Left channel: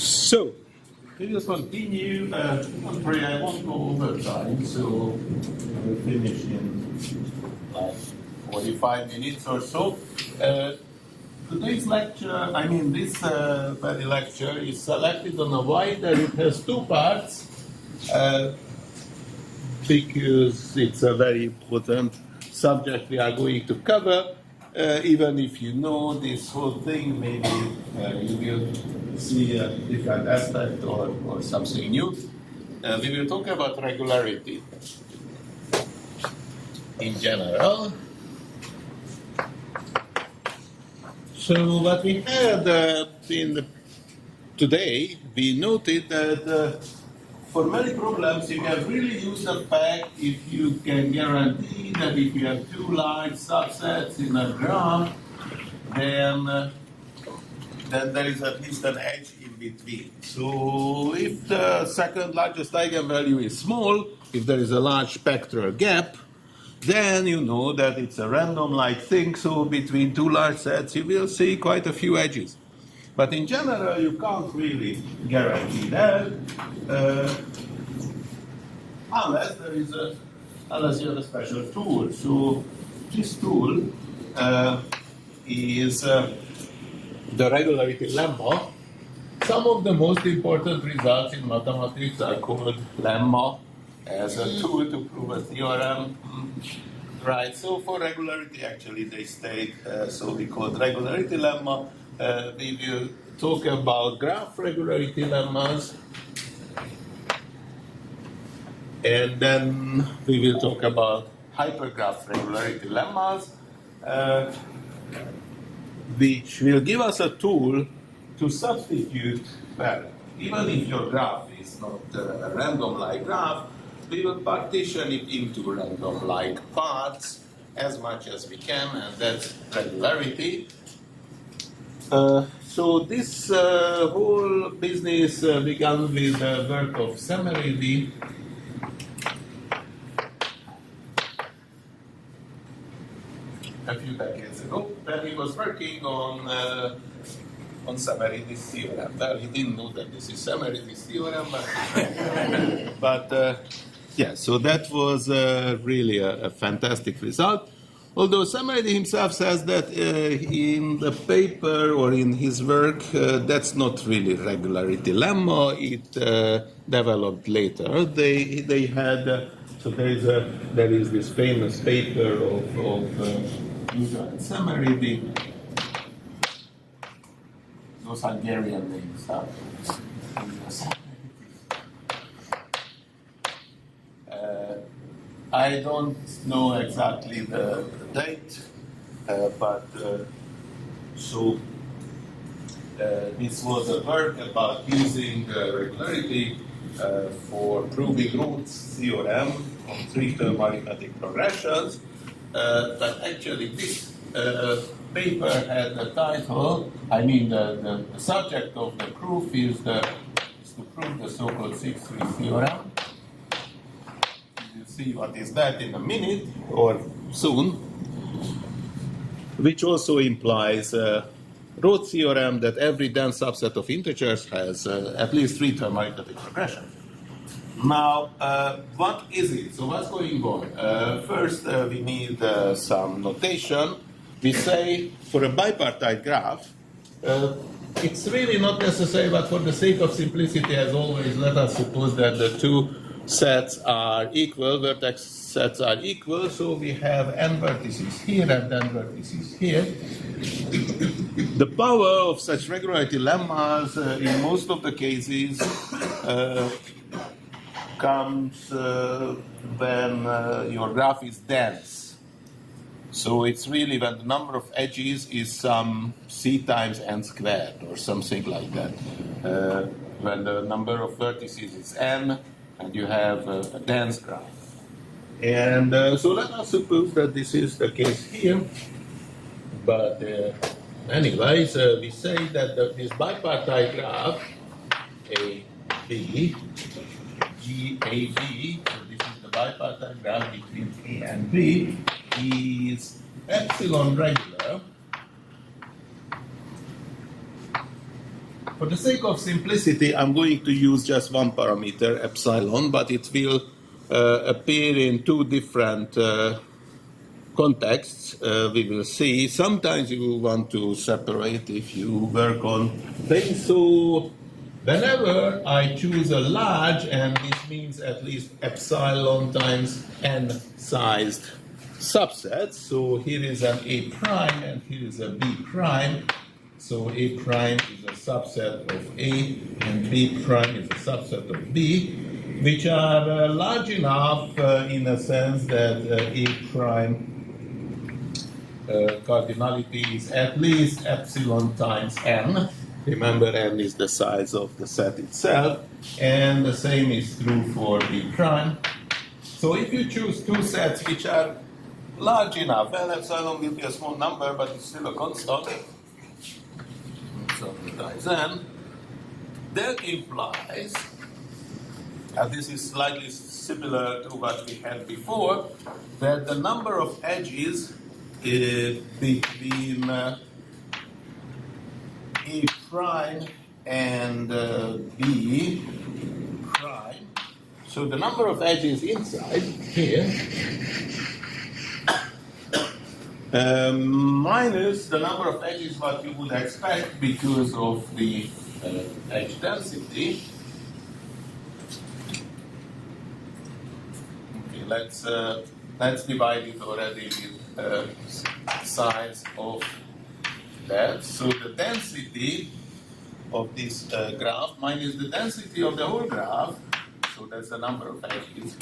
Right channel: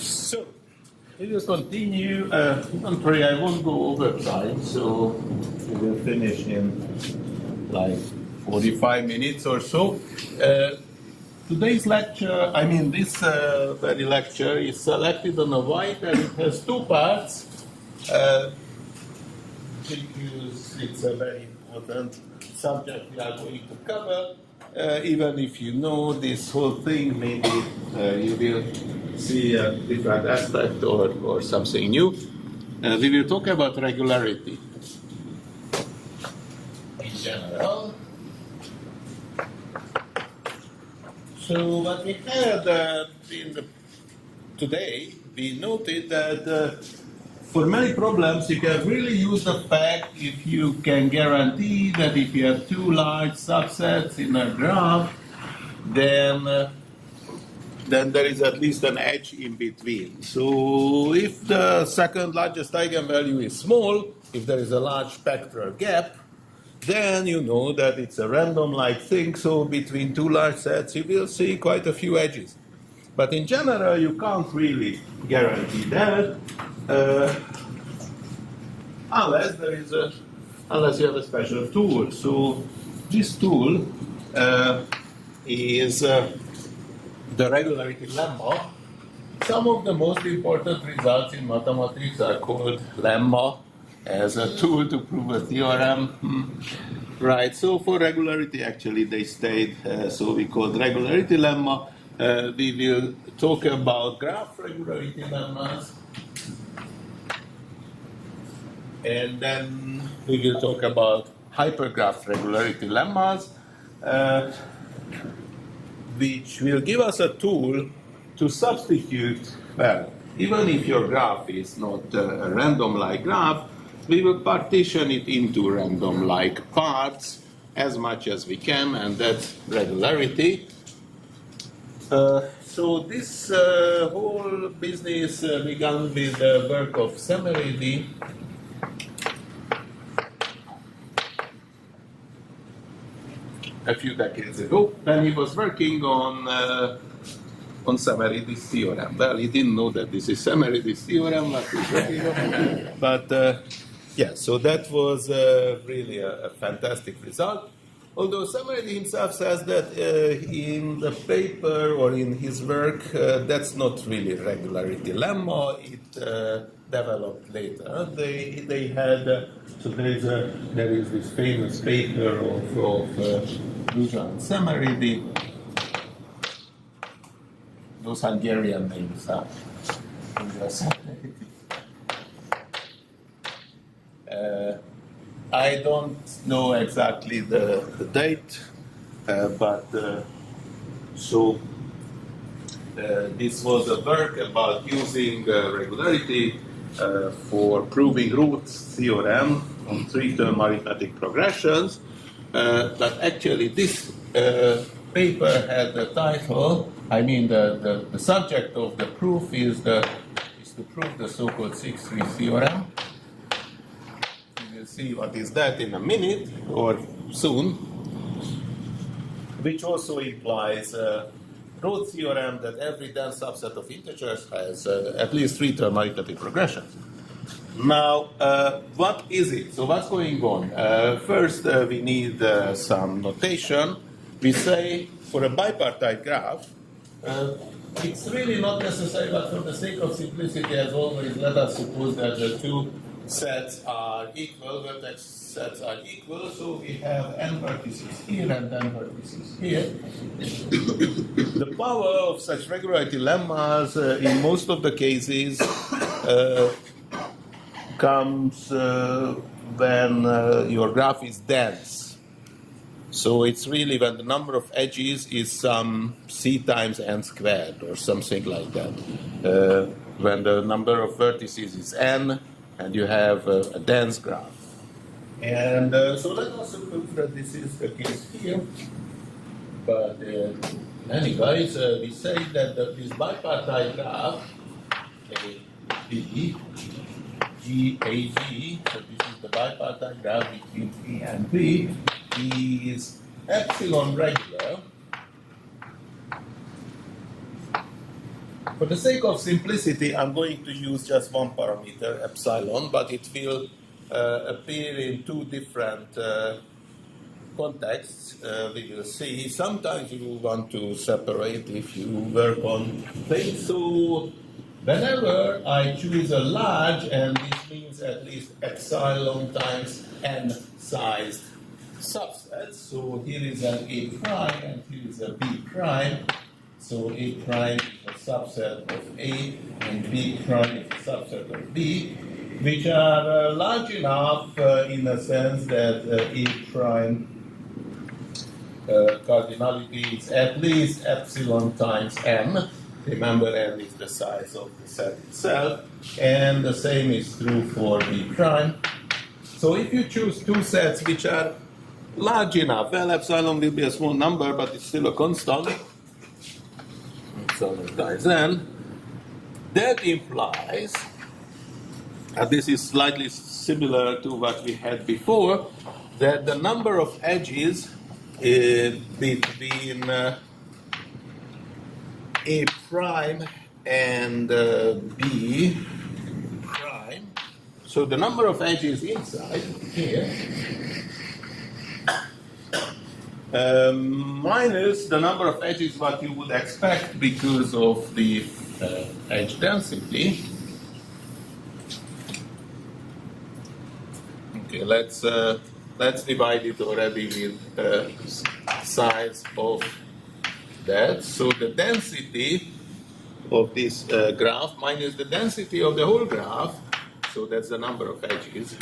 So, we will continue. Don't worry, I won't go over time, so we will finish in like 45 minutes or so. Today's lecture, this very lecture is selected on a wide and it has two parts because it's a very important subject we are going to cover. Even if you know this whole thing, maybe you will see a different aspect or something new. We will talk about regularity in general. So what we had today, we noted that for many problems, you can really use the fact if you can guarantee that if you have two large subsets in a graph, then there is at least an edge in between. So if the second largest eigenvalue is small, if there is a large spectral gap, then you know that it's a random-like thing, so between two large sets you will see quite a few edges. But in general, you can't really guarantee that unless you have a special tool. So this tool is the regularity lemma. Some of the most important results in mathematics are called lemma as a tool to prove a theorem. Right, so for regularity, actually, they state, so we call regularity lemma. We will talk about graph regularity lemmas. And then we will talk about hypergraph regularity lemmas, which will give us a tool to substitute, well, even if your graph is not a random-like graph, we will partition it into random-like parts as much as we can, and that's regularity. So this whole business began with the work of Semeridi. A few decades ago, when he was working on Semeridi's theorem. Well, he didn't know that this is Semeridi's theorem, but he's working on it. But yeah, so that was really a fantastic result. Although Semeridi himself says that in the paper or in his work, that's not really regularity lemma. It developed later. They had. So there is this famous paper of Luja and Semeridi. Those Hungarian names, huh? I don't know exactly the date, but this was a work about using regularity for proving Root's theorem on three-term arithmetic progressions. But actually this paper had the title, the subject of the proof is to prove the so-called 6-3 theorem. We will see what is that in a minute or soon, which also implies Roth theorem that every dense subset of integers has at least three-term arithmetic progressions. Now, what is it? So what's going on? First, we need some notation. We say for a bipartite graph, it's really not necessary, but for the sake of simplicity, as always, let us suppose that the two sets are equal, vertex sets are equal, so we have n vertices here and n vertices here. The power of such regularity lemmas in most of the cases comes when your graph is dense. So it's really when the number of edges is some c times n squared or something like that. When the number of vertices is n and you have a dense graph. And so let us suppose that this is the case here. But anyways, we say that this bipartite graph, A, B, G, A, B, so this is the bipartite graph between A and B, is epsilon regular For the sake of simplicity, I'm going to use just one parameter, epsilon, but it will appear in two different contexts. We will see. Sometimes you will want to separate if you work on things. So whenever I choose a large, and this means at least epsilon times n-sized subset. So here is an A prime and here is a B prime. So A prime is a subset of A and B prime is a subset of B, which are large enough in a sense that A prime cardinality is at least epsilon times n. Remember, n is the size of the set itself, and the same is true for B prime. So if you choose two sets which are large enough, well, epsilon will be a small number, but it's still a constant. Epsilon times n. That implies, and this is slightly similar to what we had before, that the number of edges between A prime and B prime. So the number of edges inside here minus the number of edges what you would expect because of the edge density. Okay, let's divide it already with size of that. So the density of this graph minus the density of the whole graph, so that's the number of edges,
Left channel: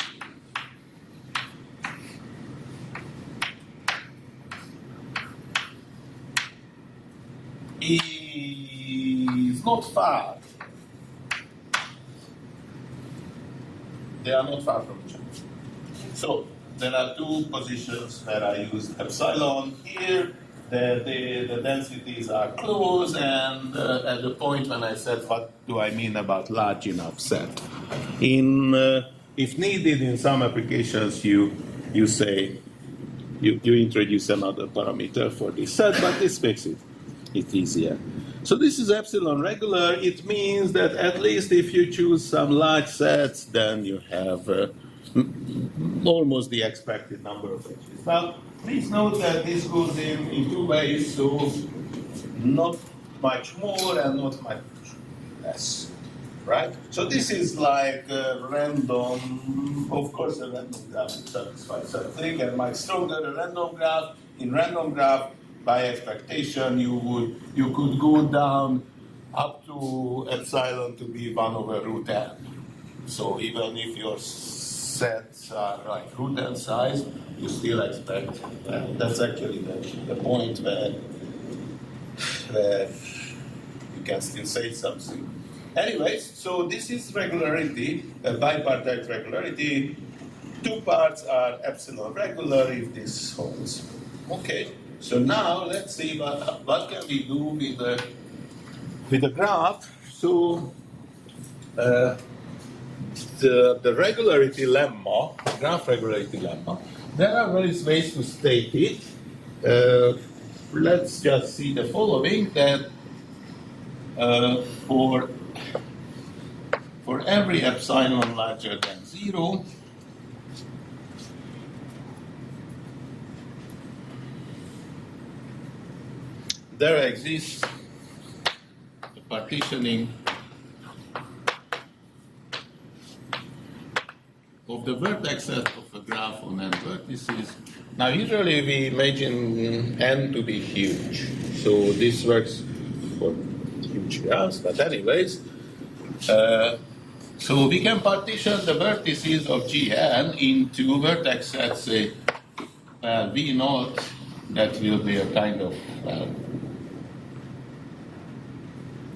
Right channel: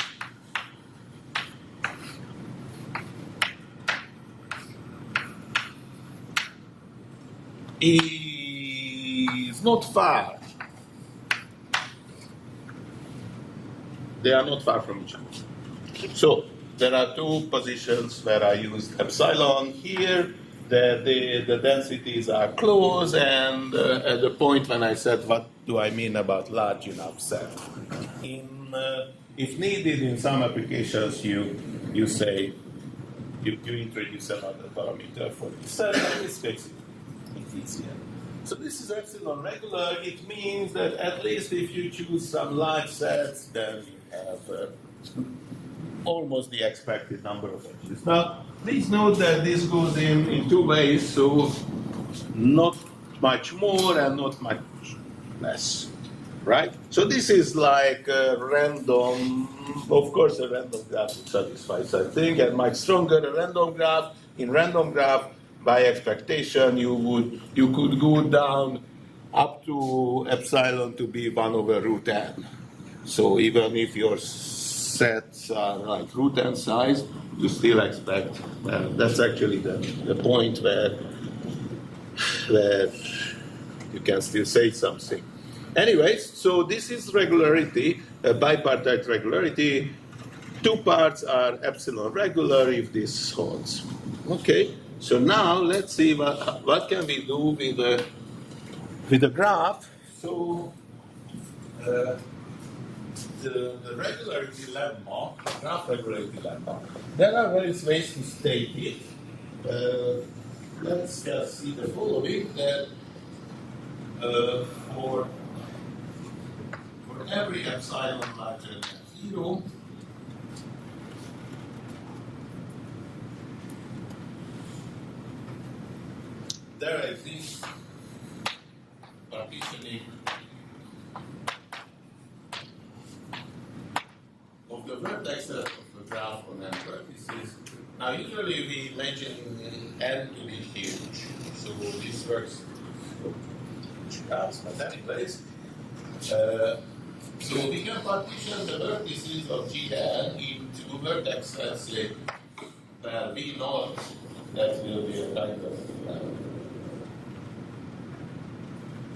is not far. They are not far from each other. So there are two positions where I used epsilon here. The densities are close, and at the point when I said, what do I mean about large enough set? If needed in some applications, you say, you introduce another parameter for this set, but this makes it easier. So this is epsilon regular. It means that at least if you choose some large sets, then you have almost the expected number of edges. Now, please note that this goes in two ways, so not much more and not much less, right? So this is like a random, of course a random graph satisfies that thing, and much stronger a random graph. In random graph, by expectation, you could go down up to epsilon to be 1 over root n. So even if your sets are like root n size, you still expect, that's actually the point where you can still say something. Anyways, so this is regularity, a bipartite regularity. Two parts are epsilon regular if this holds. Okay, so now let's see what can we do with the graph. So the regularity lemma, graph regularity lemma, there are various ways to state it. Let's just see the following, that for every epsilon larger than 0, there exists a partitioning of the vertexes of a graph on n vertices. Now, usually we imagine n to be huge, so this works for huge graphs, but anyways, so we can partition the vertices of Gn into vertexes, say, V0, that will be a kind of,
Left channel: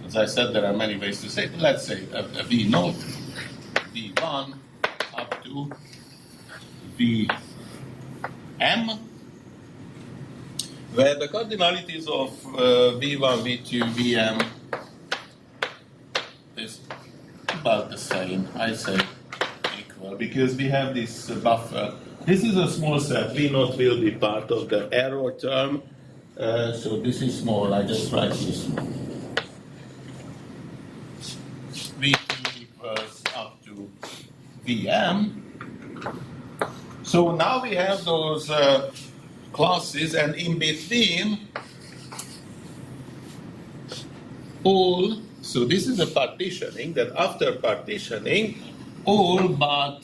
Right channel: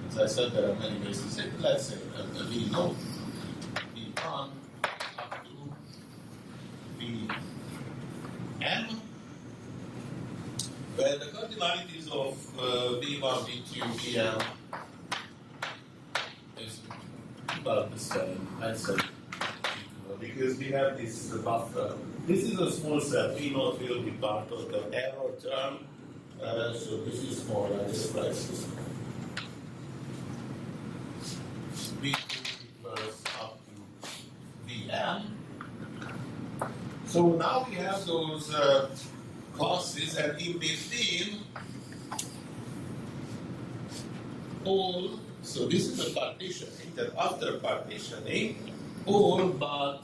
as I said, there are many ways to say it. Let's say a V0, V1, up to Vm, where the cardinalities of V1, V2, Vm is about the same, I say equal, because we have this buffer. This is a small set. V0 will be part of the error term, so this is small. I just write this. VM. So now we have those classes, and in between all, so this is a partitioning, that after partitioning, all but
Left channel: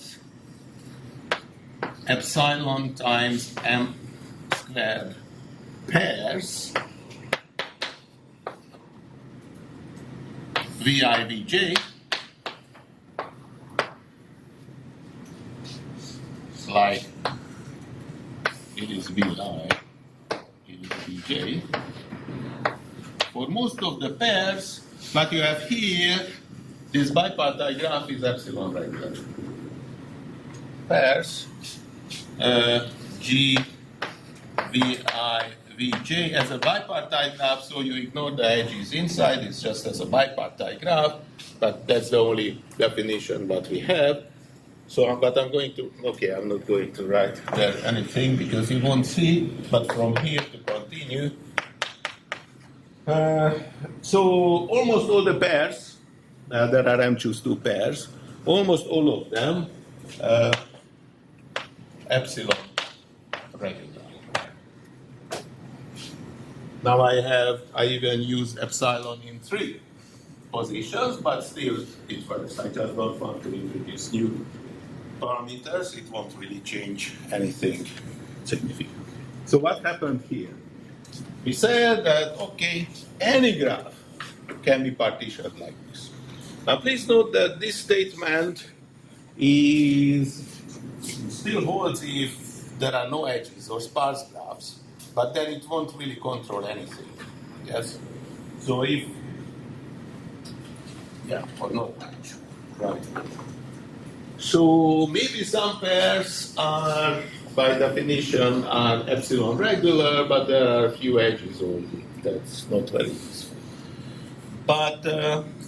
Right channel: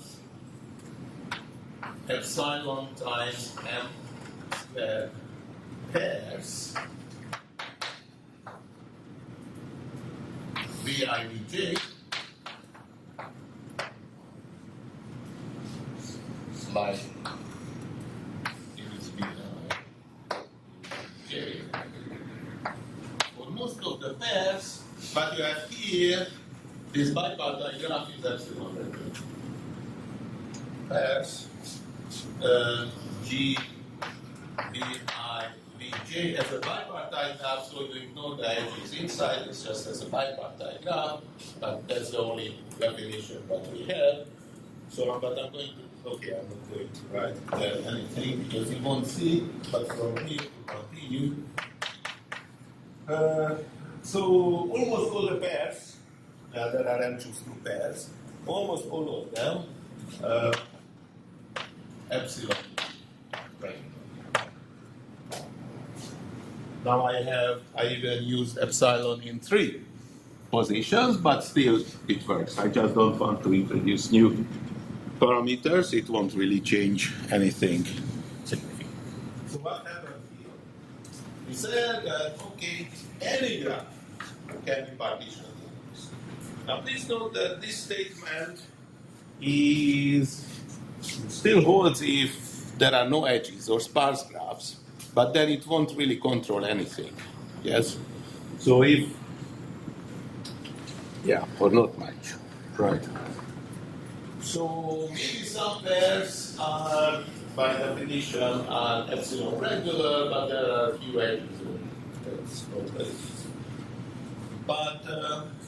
epsilon times m squared pairs VI, Vj, like it is Vi, it is Vj. For most of the pairs, what you have here, this bipartite graph is epsilon regular. Pairs, G, Vi, Vj as a bipartite graph, so you ignore the edges inside, it's just as a bipartite graph, but that's the only definition that we have. So, but I'm going to, okay, I'm not going to write there anything because you won't see, but from here to continue. So almost all the pairs, there are M choose 2 pairs, almost all of them epsilon regular. Now I even use epsilon in 3 positions, but still it works. I just don't want to introduce new parameters. It won't really change anything significant. So what happened here? We said that, okay, any graph can be partitioned like this. Now please note that this statement still holds if there are no edges or sparse graphs, but then it won't really control anything. Yes? So if, yeah, or not much, right? So maybe some pairs are, by definition, are epsilon regular, but there are a few edges only. That's not very useful. But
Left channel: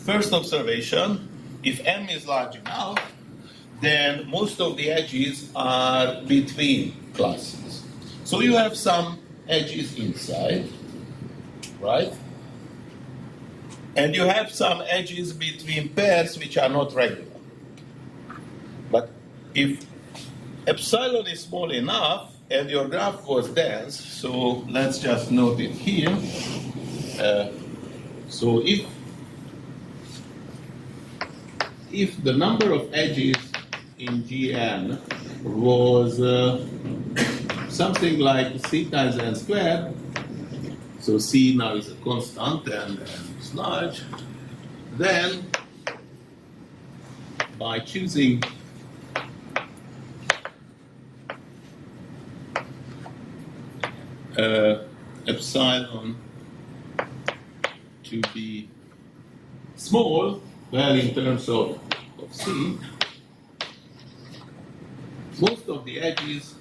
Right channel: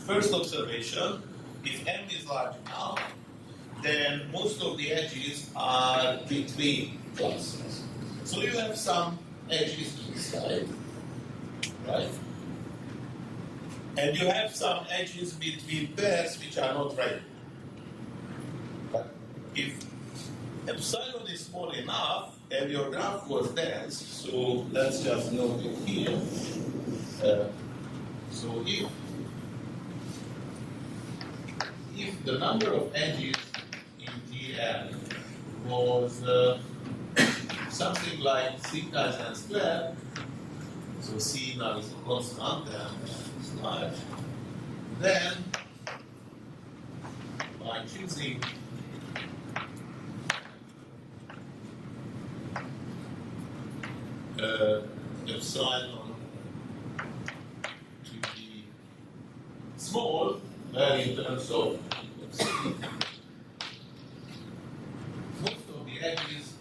first observation, if M is large enough, then most of the edges are between classes. So you have some edges inside, right? And you have some edges between pairs which are not regular. But if epsilon is small enough and your graph was dense, so let's just note it here. So if the number of edges in Gn was something like c times n squared, so c now is a constant and it's large, then by choosing epsilon to be small, well, in terms of C, most of the edges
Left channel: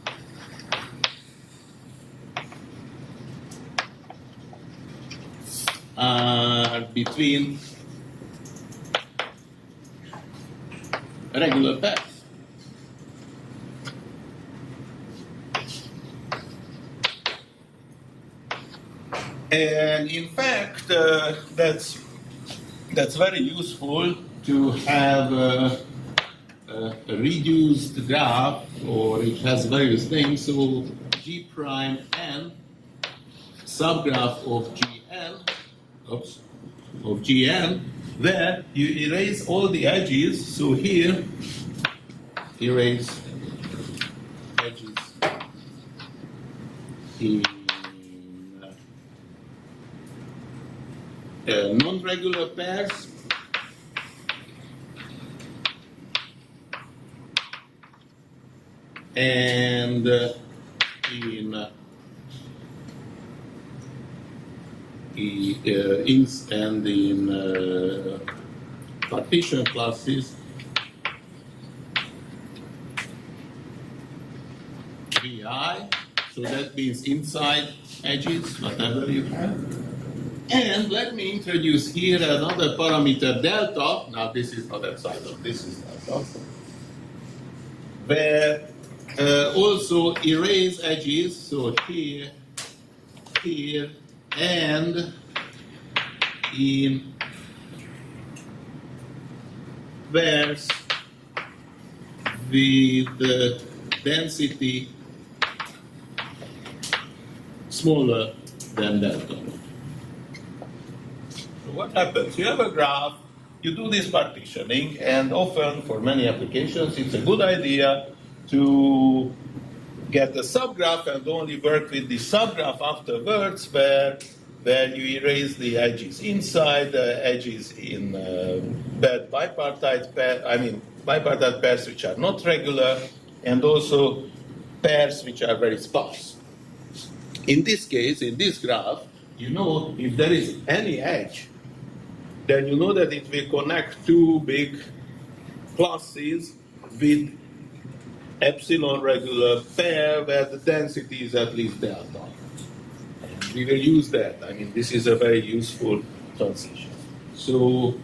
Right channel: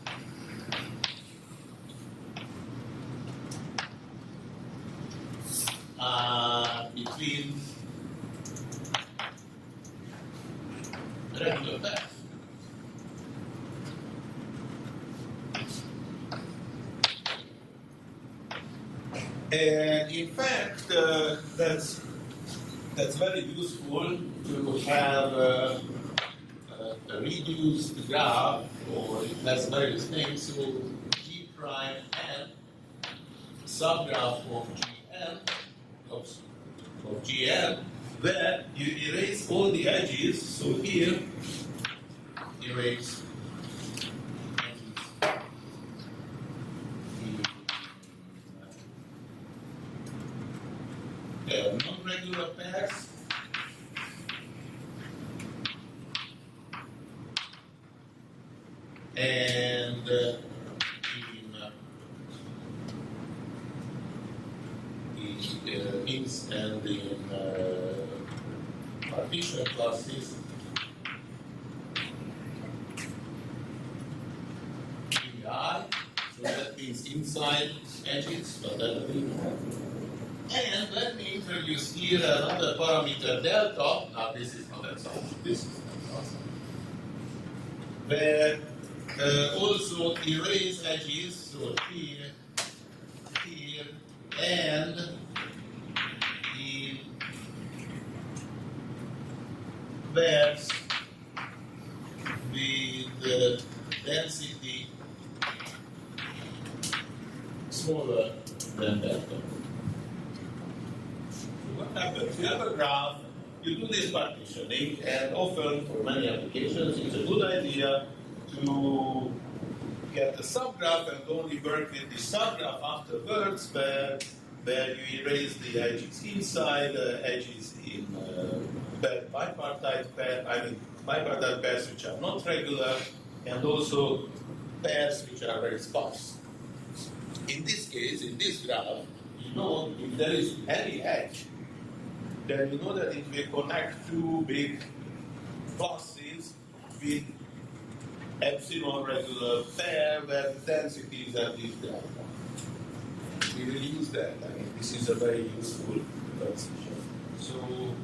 are between regular pairs. And in fact, that's very useful to have a reduced graph, or it has various names. So G prime n subgraph of Gn, where you erase all the edges. So here, erase edges in non-regular pairs, and in ins and in partition classes, Vi, so that means inside edges, whatever you have. And let me introduce here another parameter, delta. Now this is not epsilon, this is delta. Where also erase edges, so here, and in pairs with density smaller than delta. So what happens? You have a graph, you do this partitioning, and often for many applications it's a good idea to get a subgraph and only work with the subgraph afterwards where you erase the edges inside, the edges in bad bipartite bipartite pairs which are not regular, and also pairs which are very sparse. In this case, in this graph, you know if there is any edge, then you know that it will connect two big classes with epsilon regular pair where the density is at least delta. And we will use that. I mean, this is a very useful transition. So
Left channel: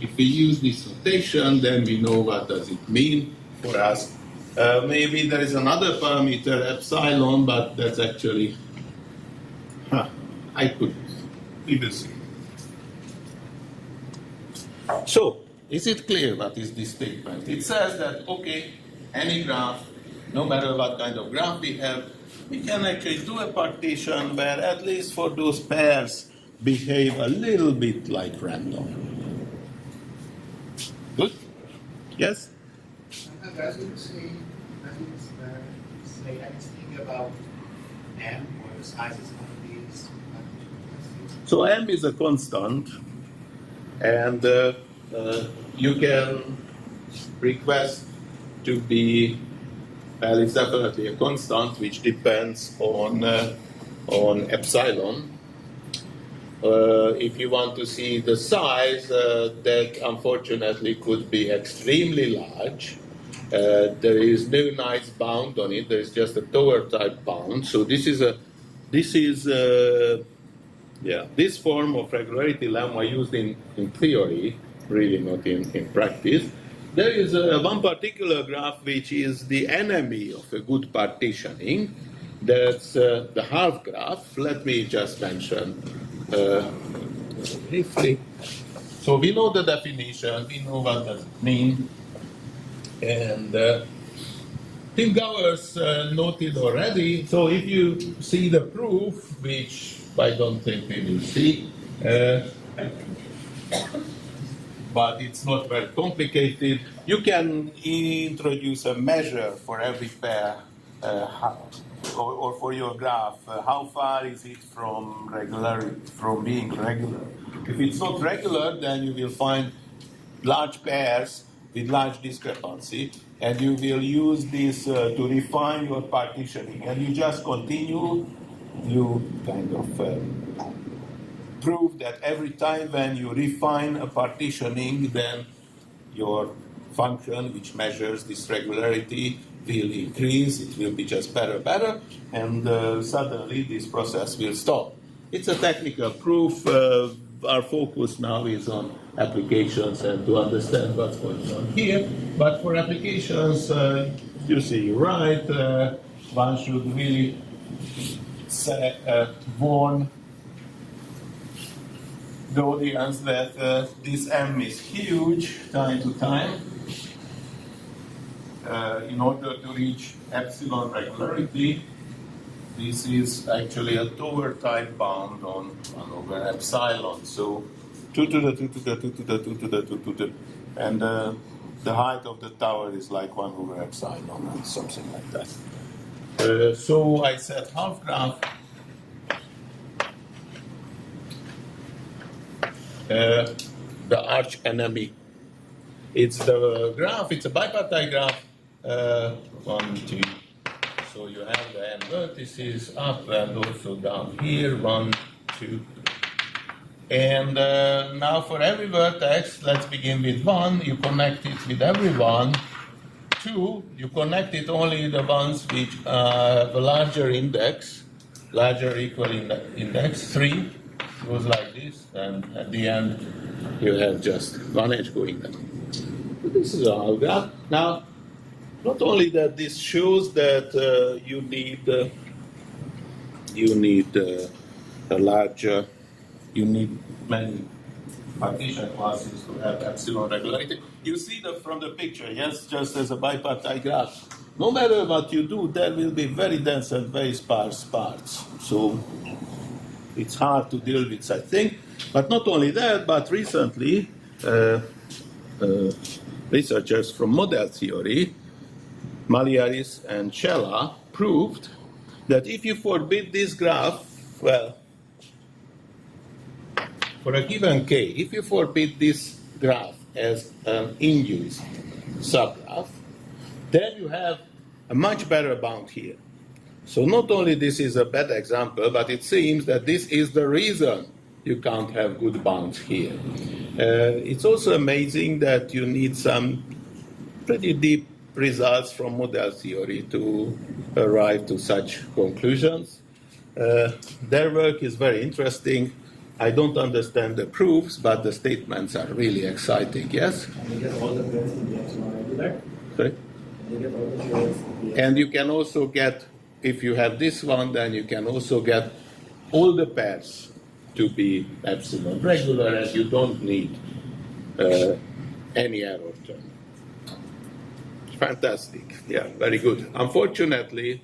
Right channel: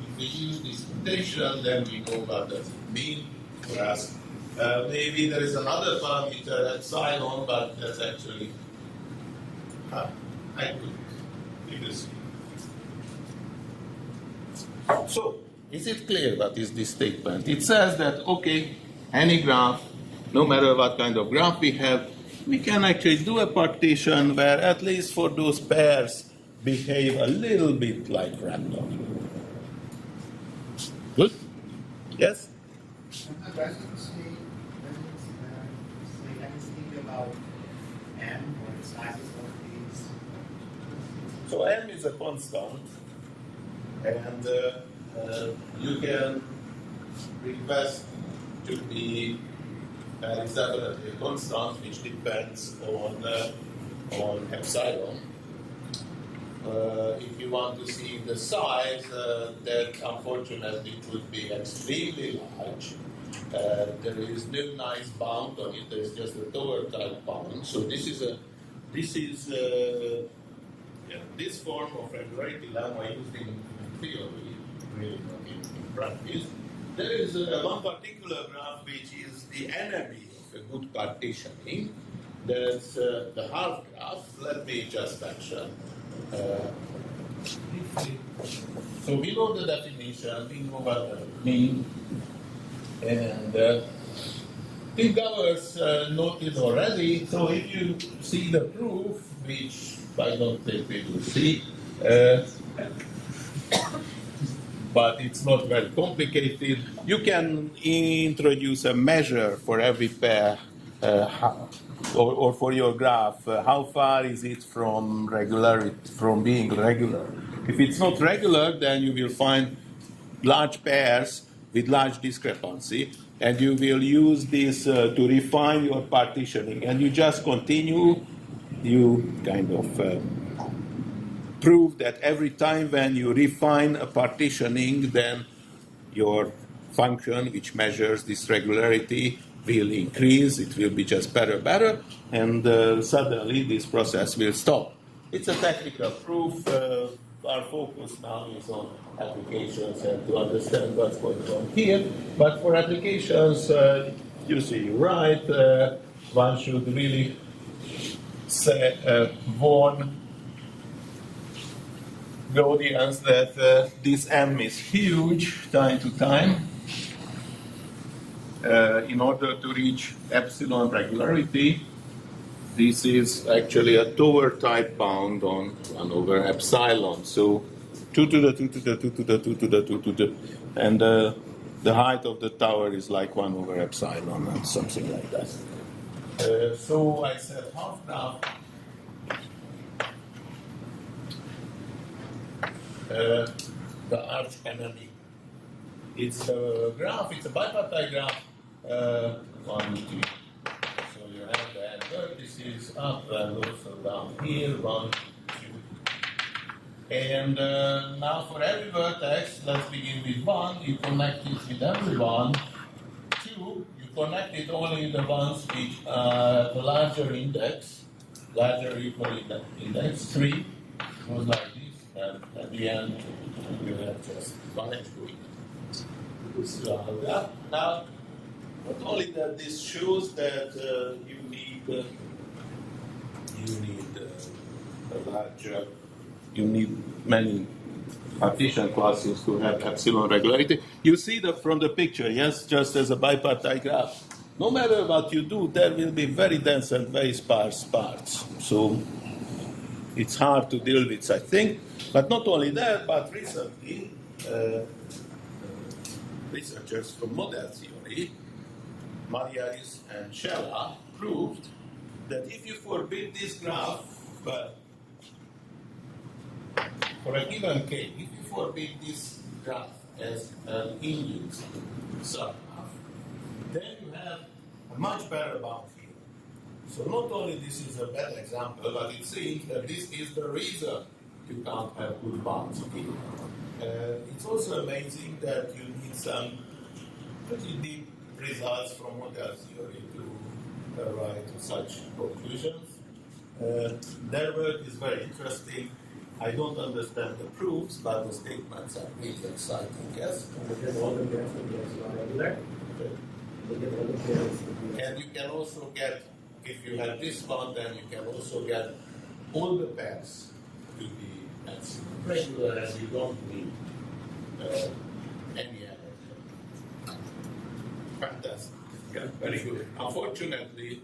if we use this notation, then we know what does it mean for us. Maybe there is another parameter, epsilon, but that's actually, I could even see. So, is it clear what is this statement? It says that, okay, any graph, no matter what kind of graph we have, we can actually do a partition where at least for those pairs behave a little bit like random. Good? Yes? Does it say anything about M or the sizes of these? So M is a constant, and you can request to be, well, it's definitely a constant which depends on epsilon. If you want to see the size, that unfortunately could be extremely large. There is no nice bound on it. There is just a tower type bound. So this form of regularity lemma used in theory, really not in practice. There is one particular graph which is the enemy of a good partitioning. That's the half graph. Let me just mention briefly. So we know the definition, we know what does it mean. And Tim Gowers noted already, so if you see the proof, which I don't think we will see, but it's not very complicated. You can introduce a measure for every pair, or for your graph. How far is it from being regular? If it's not regular, then you will find large pairs with large discrepancy, and you will use this to refine your partitioning. And you just continue. You kind of prove that every time when you refine a partitioning, then your function, which measures this regularity, will increase. It will be just better, and suddenly this process will stop. It's a technical proof. Our focus now is on applications and to understand what's going on here. But for applications, you see, you're right. One should really warn the audience that this M is huge time to time. In order to reach epsilon regularity, this is actually a tower type bound on 1 over epsilon. So 2 to the 2 to the 2 to the 2 to the 2 to the, and the height of the tower is like 1 over epsilon and something like that. So I said half graph. The arch enemy. It's the graph, it's a bipartite graph. 1, 2. So you have the n vertices up and also down here, 1, 2. And now for every vertex, let's begin with 1. You connect it with every one. 2, you connect it only the ones which have a larger index, larger or equal index. 3 goes like this, and at the end you have just one edge going down. So this is a half graph. Now, not only that, this shows that you need a larger, you need many partition classes to have epsilon regularity. You see that from the picture, yes, just as a bipartite graph. No matter what you do, there will be very dense and very sparse parts. So it's hard to deal with, I think. But not only that, but recently, researchers from model theory, Maliaris and Cella, proved that if you forbid this graph, well, for a given k, if you forbid this graph as an induced subgraph, then you have a much better bound here. So not only this is a bad example, but it seems that this is the reason you can't have good bounds here. It's also amazing that you need some pretty deep results from model theory to arrive to such conclusions. Their work is very interesting. I don't understand the proofs, but the statements are really exciting, yes? Can we get all the pairs in the epsilon regular? Sorry? Can we get all the pairs in the And you can also get, if you have this one, then you can also get all the pairs to be epsilon regular, and you don't need any error term. Fantastic. Yeah, very good. Unfortunately,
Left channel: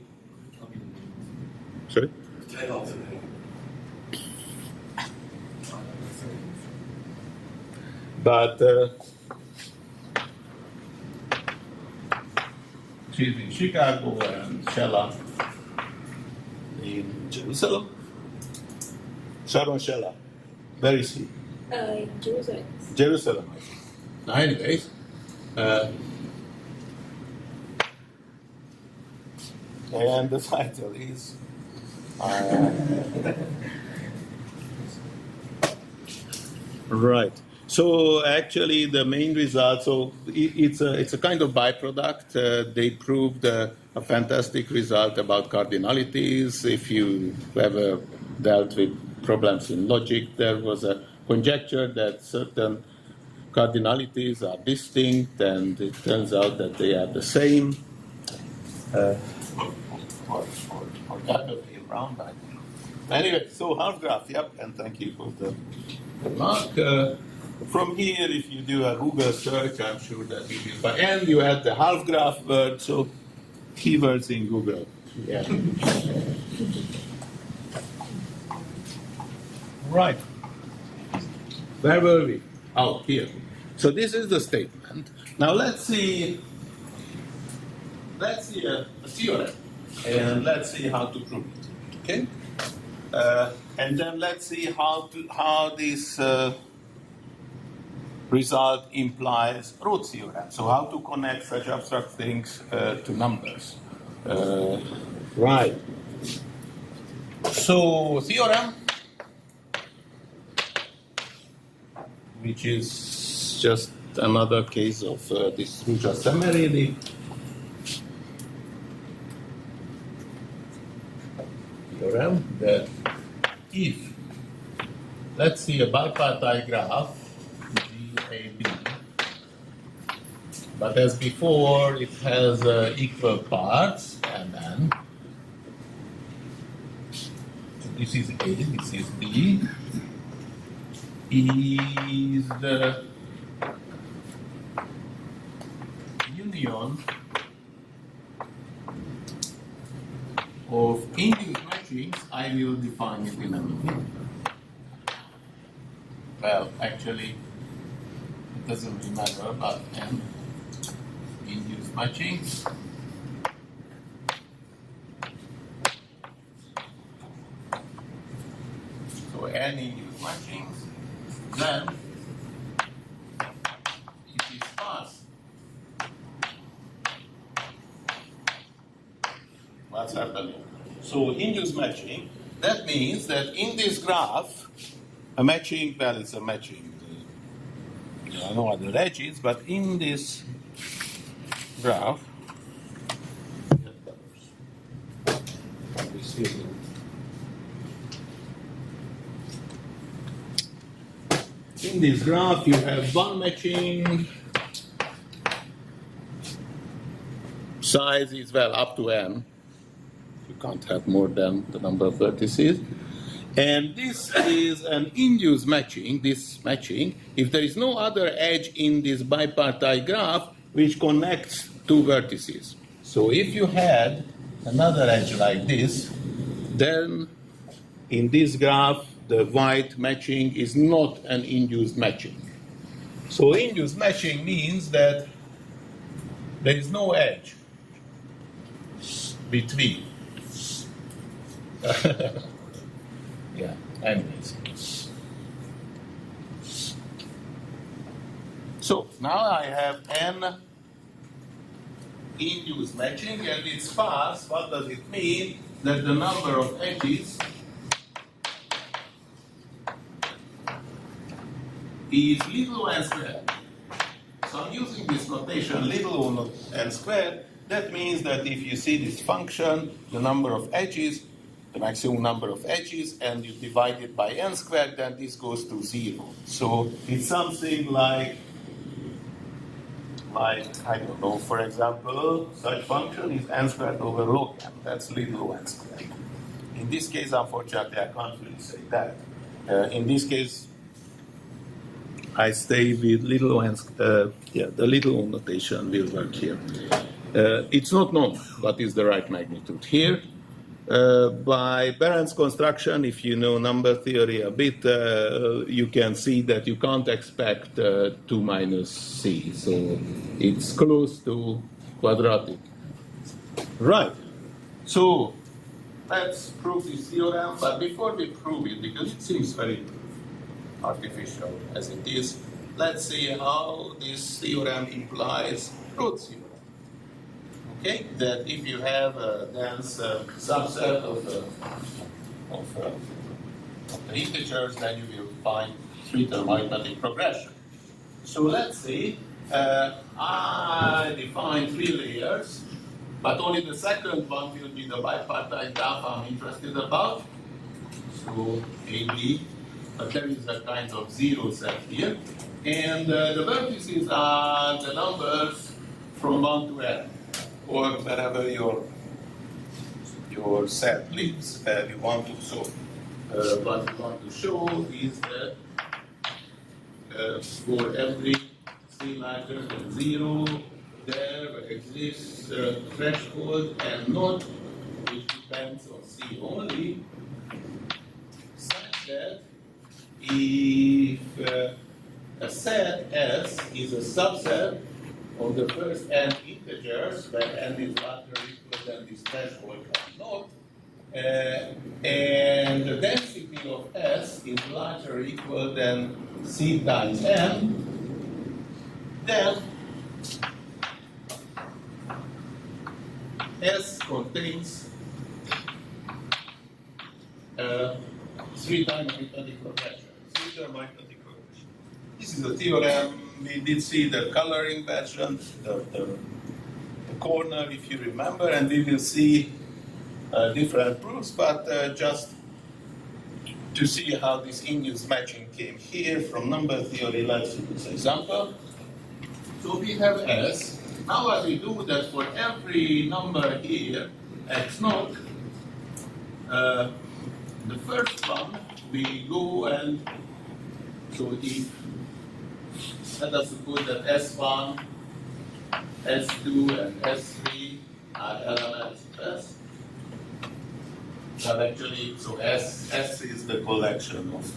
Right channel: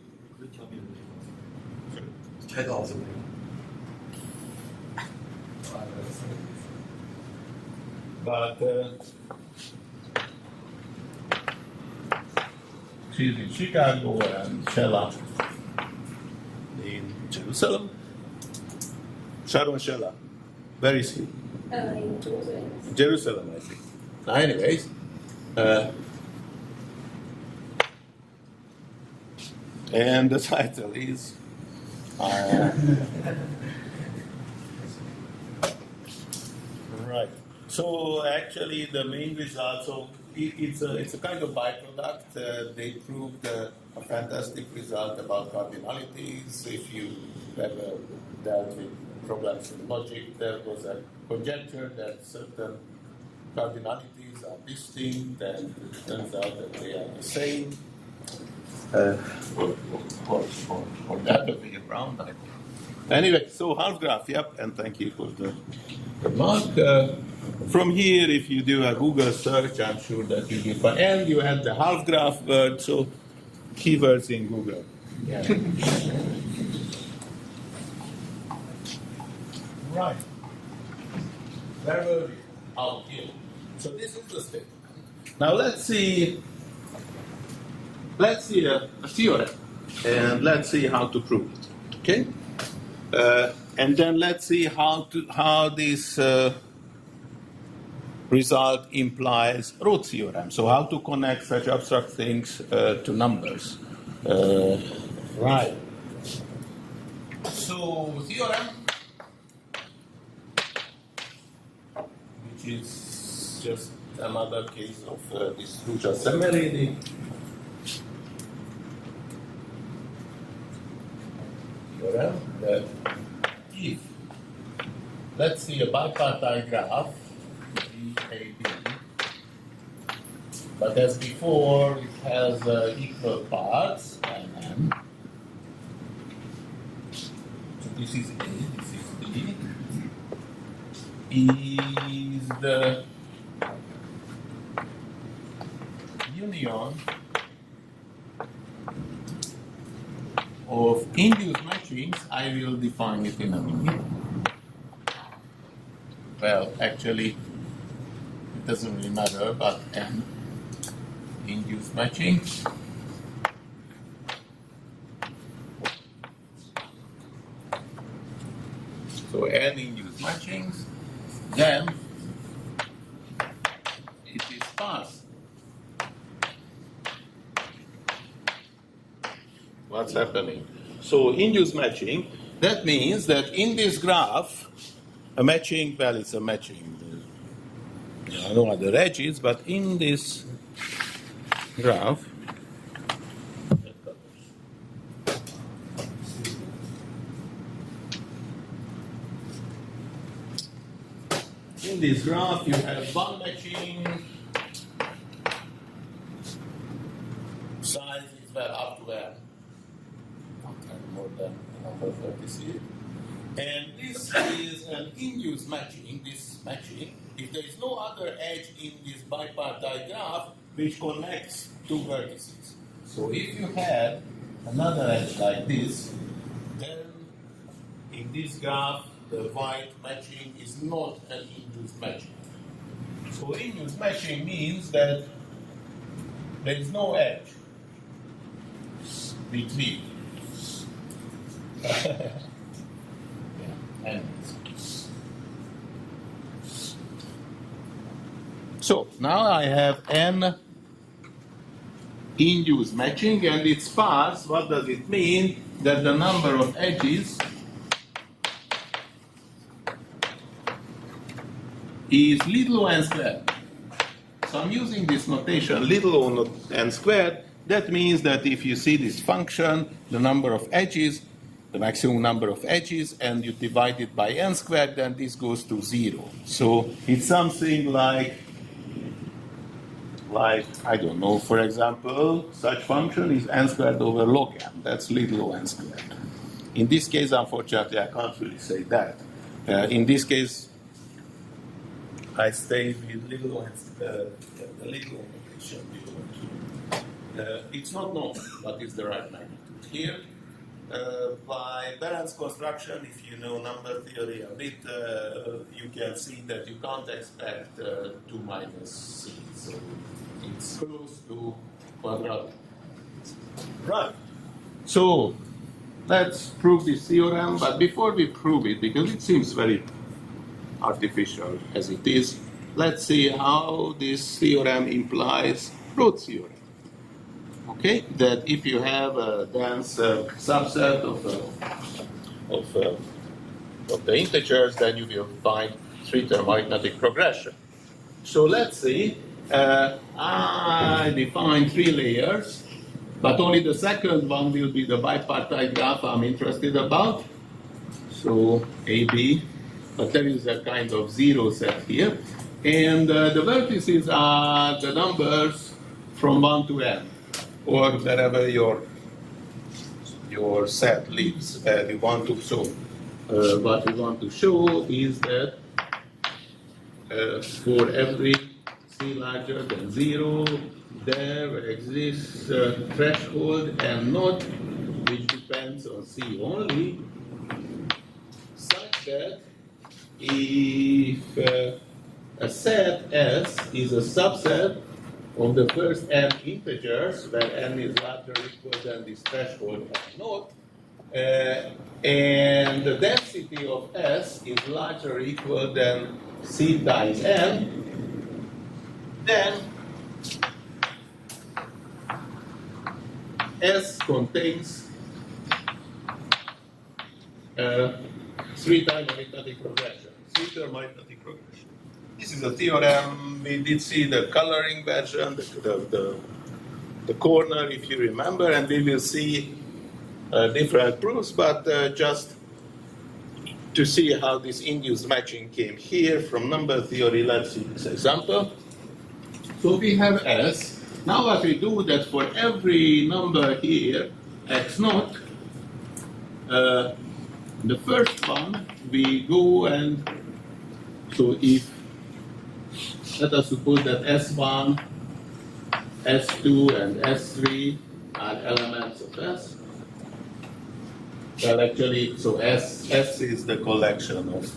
sorry? But she's in Chicago and Shella in Jerusalem. Sharon Shella. Where is he? In Jerusalem. Jerusalem, I think. Now, anyways, and the title is right. So actually, the main result. So it's a kind of byproduct. They proved a fantastic result about cardinalities. If you ever dealt with problems in logic, there was a conjecture that certain cardinalities are distinct, and it turns out that they are the same. Or the other way around, I think. Anyway, so half graph, yep, and thank you for the remark. From here, if you do a Google search, I'm sure that you will find, and you add the half graph word, so keywords in Google. Yeah. Right. Where were we? Oh, here. So this is the statement. Now let's see a theorem, and let's see how to prove it. Okay. And then let's see how this result implies root theorem. So how to connect such abstract things to numbers. Right. So theorem, which is just another case of this Ruzsa-Szemerédi. Theorem that if, let's see a bipartite graph, GAB, but as before, it has equal parts, MN. So this is A, this is B. Is the union of induced matchings. I will define it in a minute. Well, actually, it doesn't really matter, but M, induced matchings. So N induced matchings, then it is sparse. What's happening? So induced matching, that means that in this graph, a matching, well, it's a matching. I don't know what the edge is, but in this graph, in this graph, you have one matching. Size is, well, up to n. You can't have more than the number of vertices. And this is an induced matching, this matching, if there is no other edge in this bipartite graph which connects two vertices. So if you had another edge like this, then in this graph, the white matching is not an induced matching. So induced matching means that there is no edge between. Yeah, anyways. So now I have n induced matching and it's sparse. What does it mean? That the number of edges is little o n squared. So I'm using this notation little o n squared. That means that if you see this function, the number of edges, the maximum number of edges, and you divide it by n squared, then this goes to 0. So it's something like I don't know, for example, such function is n squared over log n. That's little o n squared. In this case, unfortunately, I can't really say that. In this case, I stay with little o n, the little o notation will work here. It's not known what is the right magnitude here. By Behrens construction, if you know number theory a bit, you can see that you can't expect 2 minus c. So it's close to quadratic. Right. So let's prove this theorem. But before we prove it, because it seems very artificial as it is, let's see how this theorem implies Rhodes theorem. Okay, that if you have a dense subset of the integers, then you will find three-term arithmetic progression. So let's see, I define 3 layers, but only the second one will be the bipartite graph I'm interested about. So AB, but there is a kind of 0 set here. And the vertices are the numbers from 1 to n. Or wherever your set lives, we want to show. What we want to show is that for every c larger than 0, there exists a threshold and not which depends on c only, such that if a set S is a subset of the first n integers, where n is larger or equal than this threshold or not, and the density of S is larger or equal than C times n, then S contains 3-time arithmetic progression, 3-term arithmetic progression. This is a theorem. We did see the coloring version, the corner, if you remember, and we will see different proofs, but just to see how this induced matching came here from number theory, let's see this example. So we have S. Now what we do that for every number here, x naught, the first one, we go and, so if let us suppose that S1, S2, and S3 are elements of S. Well, actually, so S is the collection of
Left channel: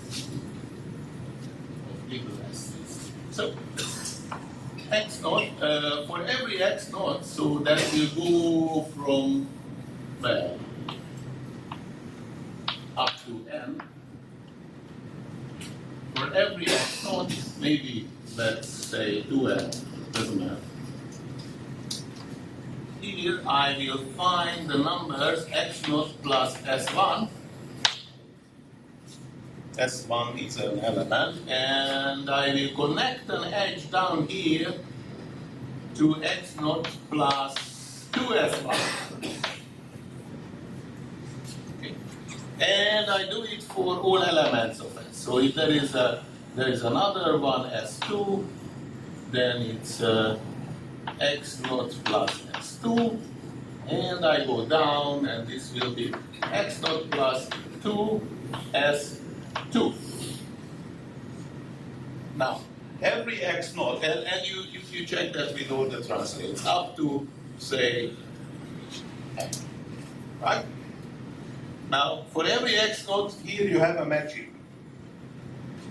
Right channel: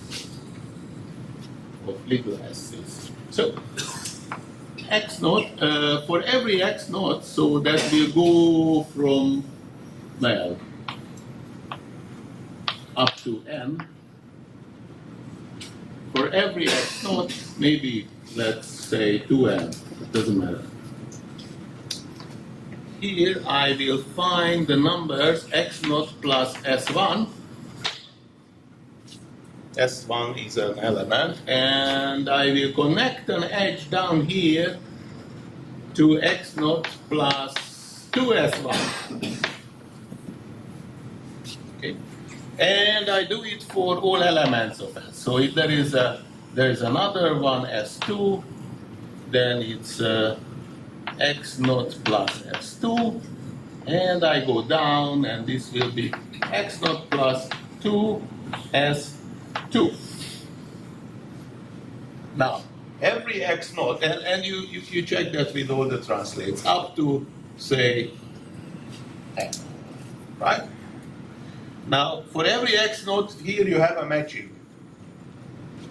little s's. So x naught, for every x naught, so that will go from, well, up to n. For every x naught, maybe let's say 2n, doesn't matter. Here I will find the numbers x naught plus s1. S1 is an element, and I will connect an edge down here to x naught plus 2s1. Okay, and I do it for all elements of S. So if there is another one S2, then it's x naught plus s2, and I go down, and this will be x naught plus 2 S2. Now, every X naught, and you check that with all the translates, up to, say, X, right? Now, for every X naught, here you have a matching.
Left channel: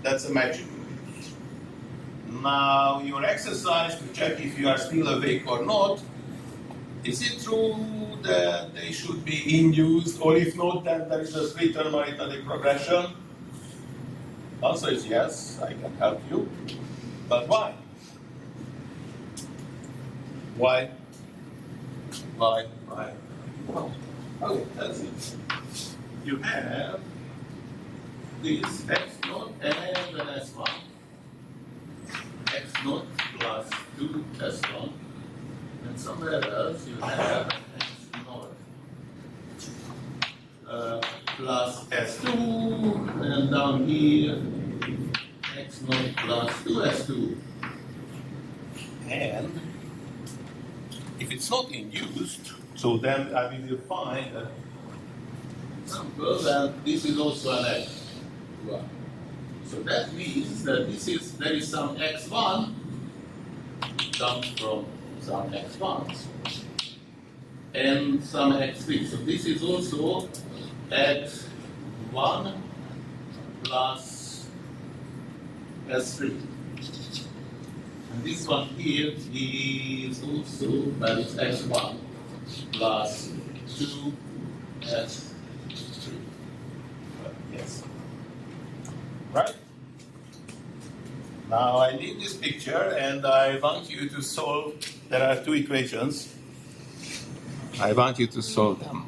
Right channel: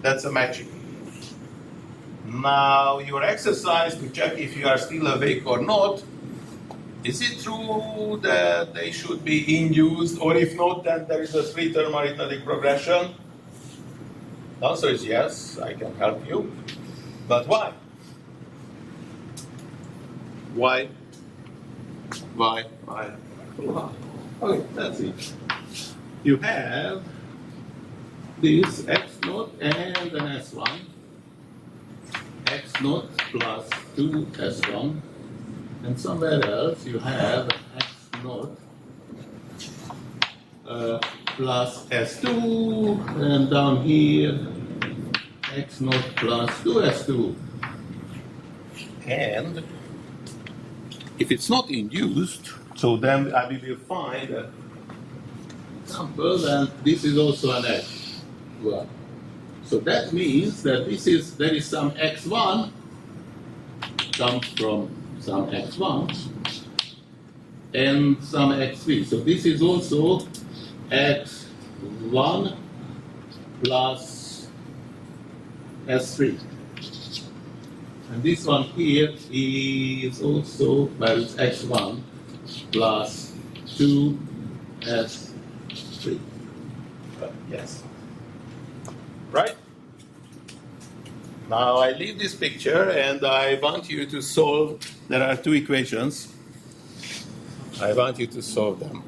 That's a matching. Now, your exercise to check if you are still awake or not, is it true that they should be induced, or if not, then there is a three-term arithmetic progression? The answer is yes, I can help you. But why? Why? Why? Why? Okay, that's it. You have this X naught and an S1. X naught plus 2 S1. And somewhere else you have X naught plus S2. And down here, X naught plus 2S2. And if it's not induced, so then we will find an example, and this is also an X. Well, so that means that there is some X1 comes from some X1 and some X3. So this is also X1 plus S3. And this one here is also, well, it's X1 plus 2S3. Yes. Right? Now I leave this picture and I want you to solve, there are two equations. I want you to solve them.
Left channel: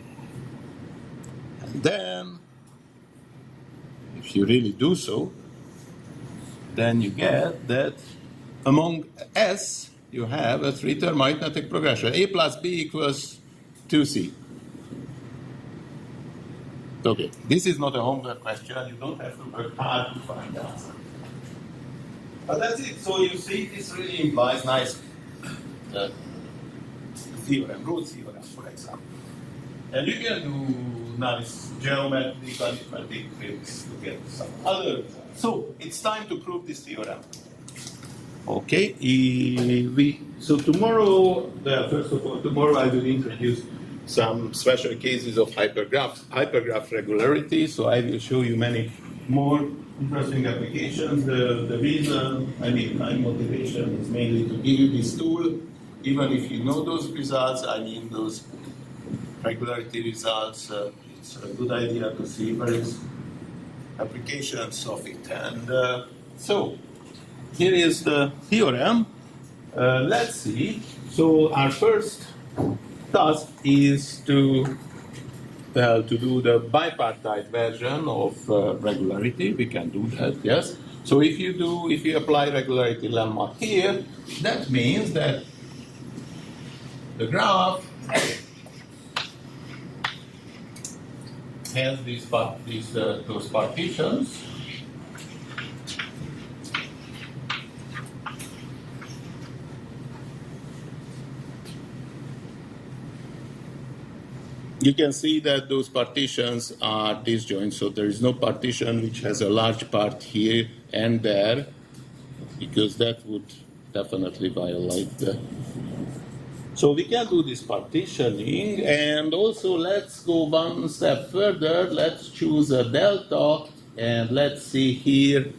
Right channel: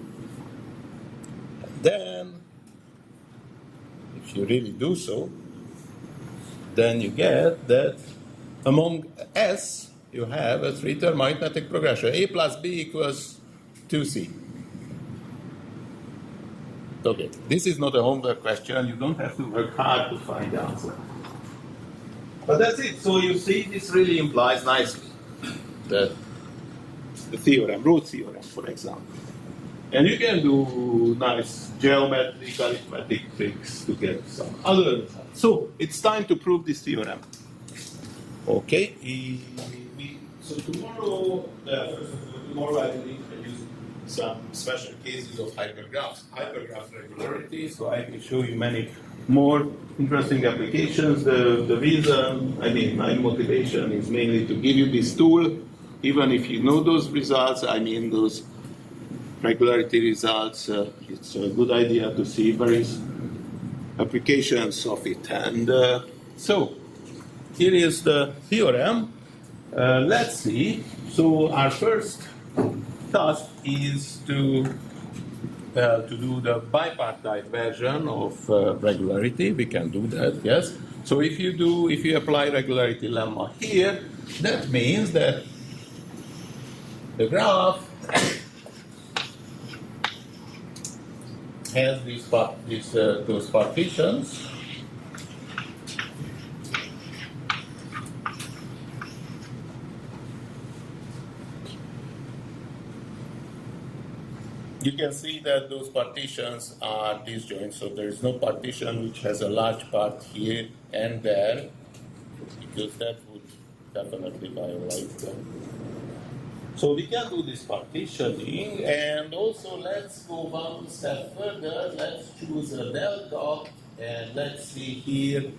And then, if you really do so, then you get that among S, you have a three-term arithmetic progression. A plus B equals 2C. Okay, this is not a homework question. You don't have to work hard to find the answer. But that's it. So you see, this really implies nicely the theorem, root theorem, for example. And you can do nice geometric, arithmetic tricks to get some other results. So it's time to prove this theorem. Okay, so tomorrow, first of all, tomorrow I will introduce some special cases of hypergraph regularity. So I will show you many more interesting applications. The reason, my motivation is mainly to give you this tool, even if you know those results, those regularity results, it's a good idea to see various applications of it. And so here is the theorem. Let's see. So our first task is to do the bipartite version of regularity. We can do that, yes. So if you apply regularity lemma here, that means that the graph has those partitions. You can see that those partitions are disjoint, so there is no partition which has a large part here and there, because that would definitely violate the... So we can do this partitioning, and also let's go one step further. Let's choose a delta, and let's see here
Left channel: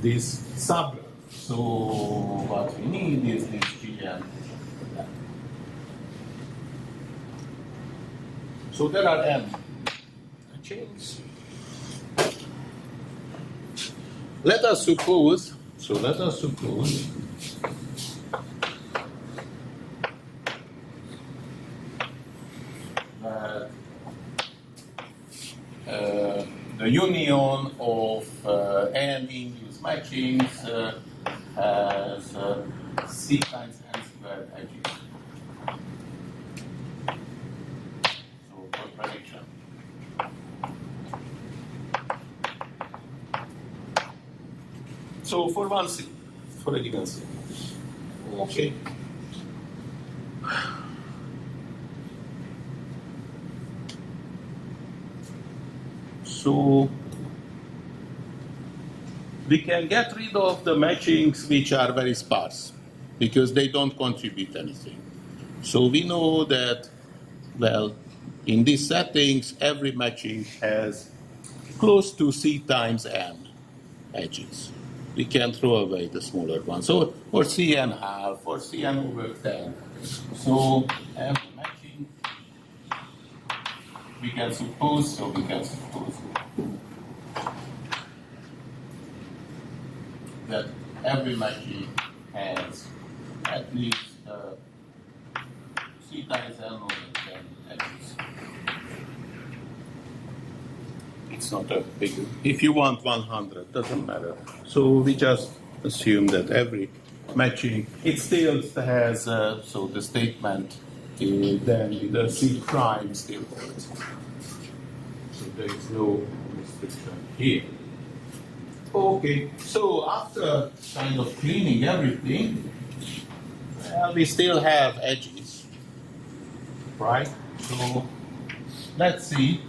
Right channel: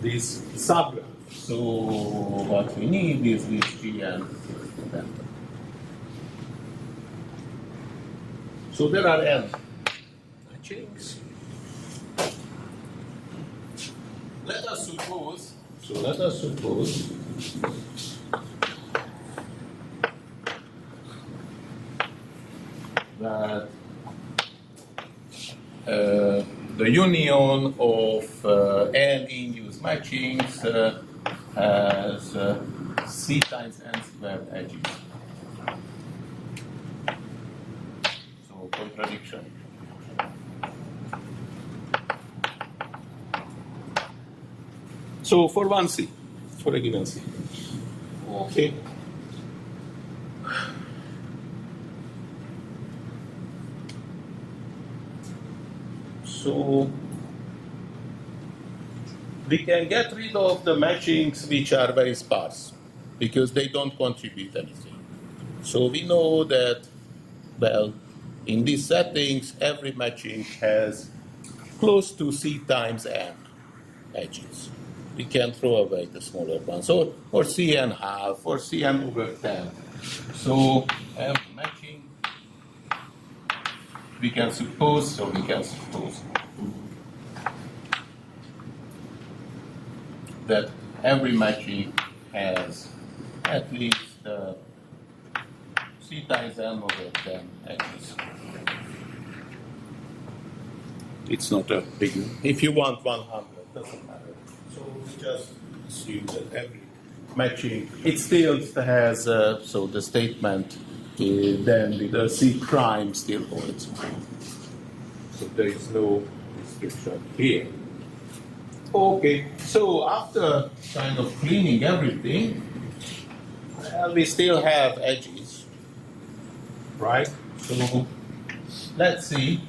this subgraph. So what we need is this G and delta. So there are n chains. Let us suppose that the union of n induced matchings has C times n squared edges. So contradiction. So for one C, for a given C. Okay. So we can get rid of the matchings which are very sparse because they don't contribute anything. So we know that, well, in these settings, every matching has close to C times N edges. We can throw away the smaller ones, or Cn half, or Cn over 10. So every matching, we can suppose that every matching has at least C times N over 10 edges. It's not a big, if you want 100, doesn't matter. So we just assume that every matching, it still has, so the statement then with the C prime still holds. So there is no restriction here. Okay, so after kind of cleaning everything, well, we still have edges, right? So let's see.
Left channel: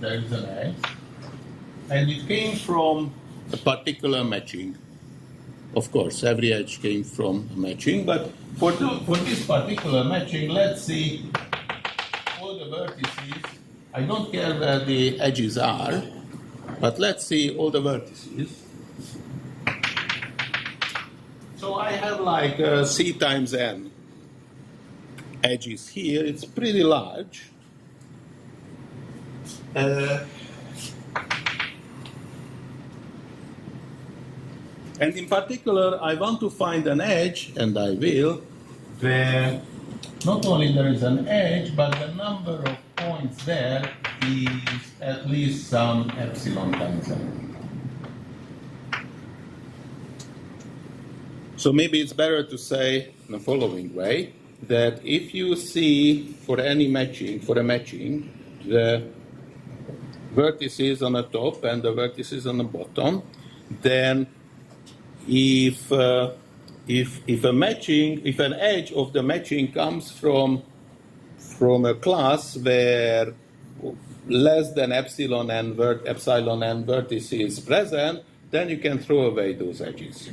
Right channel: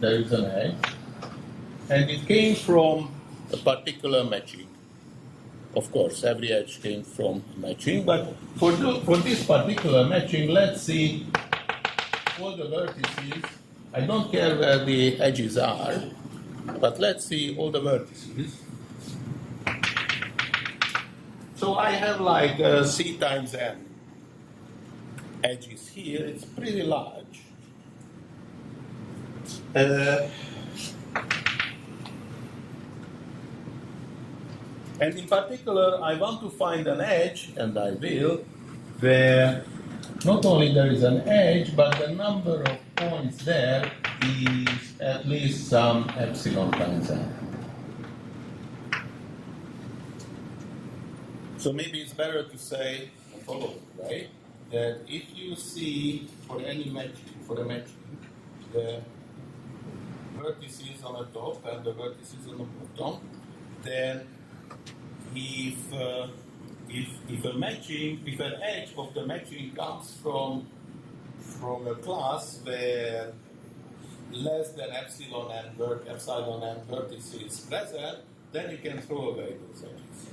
There is an edge, and it came from a particular matching. Of course, every edge came from a matching, but for this particular matching, let's see all the vertices. I don't care where the edges are, but let's see all the vertices. So I have like C times N edges here. It's pretty large. And in particular, I want to find an edge, and I will, where not only there is an edge, but the number of points there is at least some epsilon times n. So maybe it's better to say in the following way, that if you see for any matching, for a matching, the vertices on the top and the vertices on the bottom, then if a matching, if an edge of the matching comes from a class where less than epsilon n vertice is present, then you can throw away those edges.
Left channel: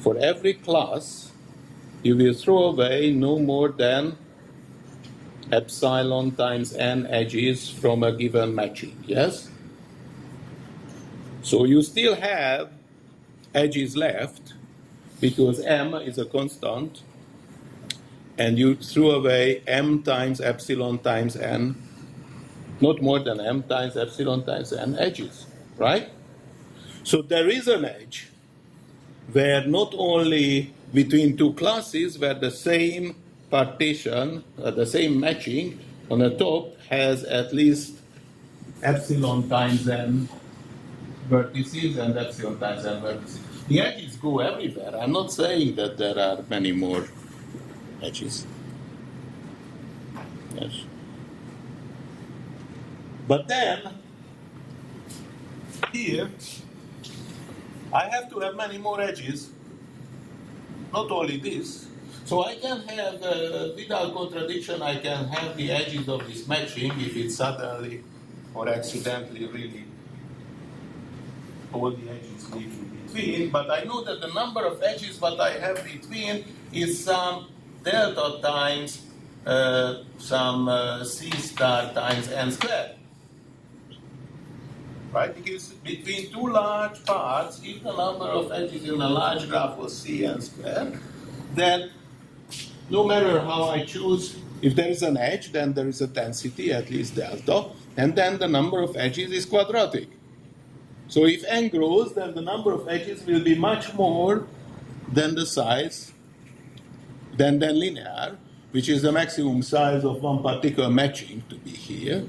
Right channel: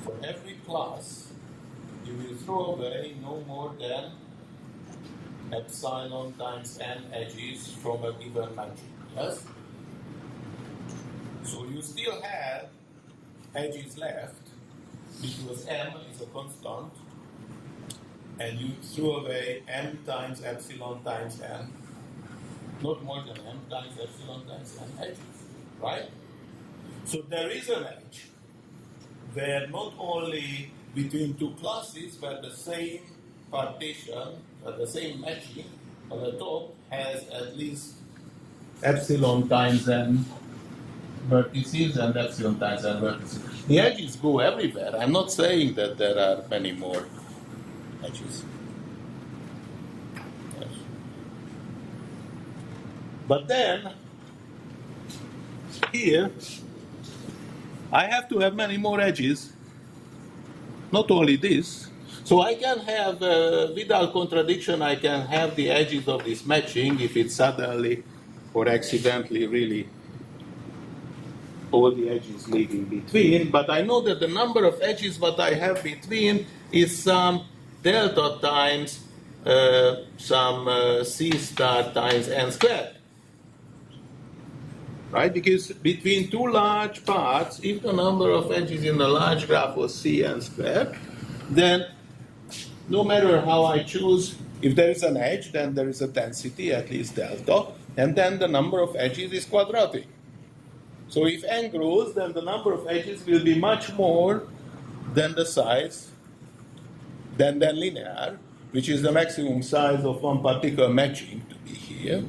For every class, you will throw away no more than epsilon times n edges from a given matching, yes? So you still have edges left because m is a constant, and you threw away m times epsilon times n, not more than m times epsilon times n edges, right? So there is an edge where not only between two classes where the same partition, the same matching on the top has at least epsilon times n vertices and epsilon times n vertices. The edges go everywhere. I'm not saying that there are many more edges. Yes. But then, here, I have to have many more edges. Not only this. So I can have, without contradiction, I can have the edges of this matching if it's suddenly or accidentally really all the edges leave in between. But I know that the number of edges that I have between is some delta times some C star times n squared. Right? Because between two large parts, if the number of edges in the large graph was Cn squared, then no matter how I choose, if there is an edge, then there is a density, at least delta, and then the number of edges is quadratic. So if n grows, then the number of edges will be much more than the size, than linear, which is the maximum size of one particular matching to be here,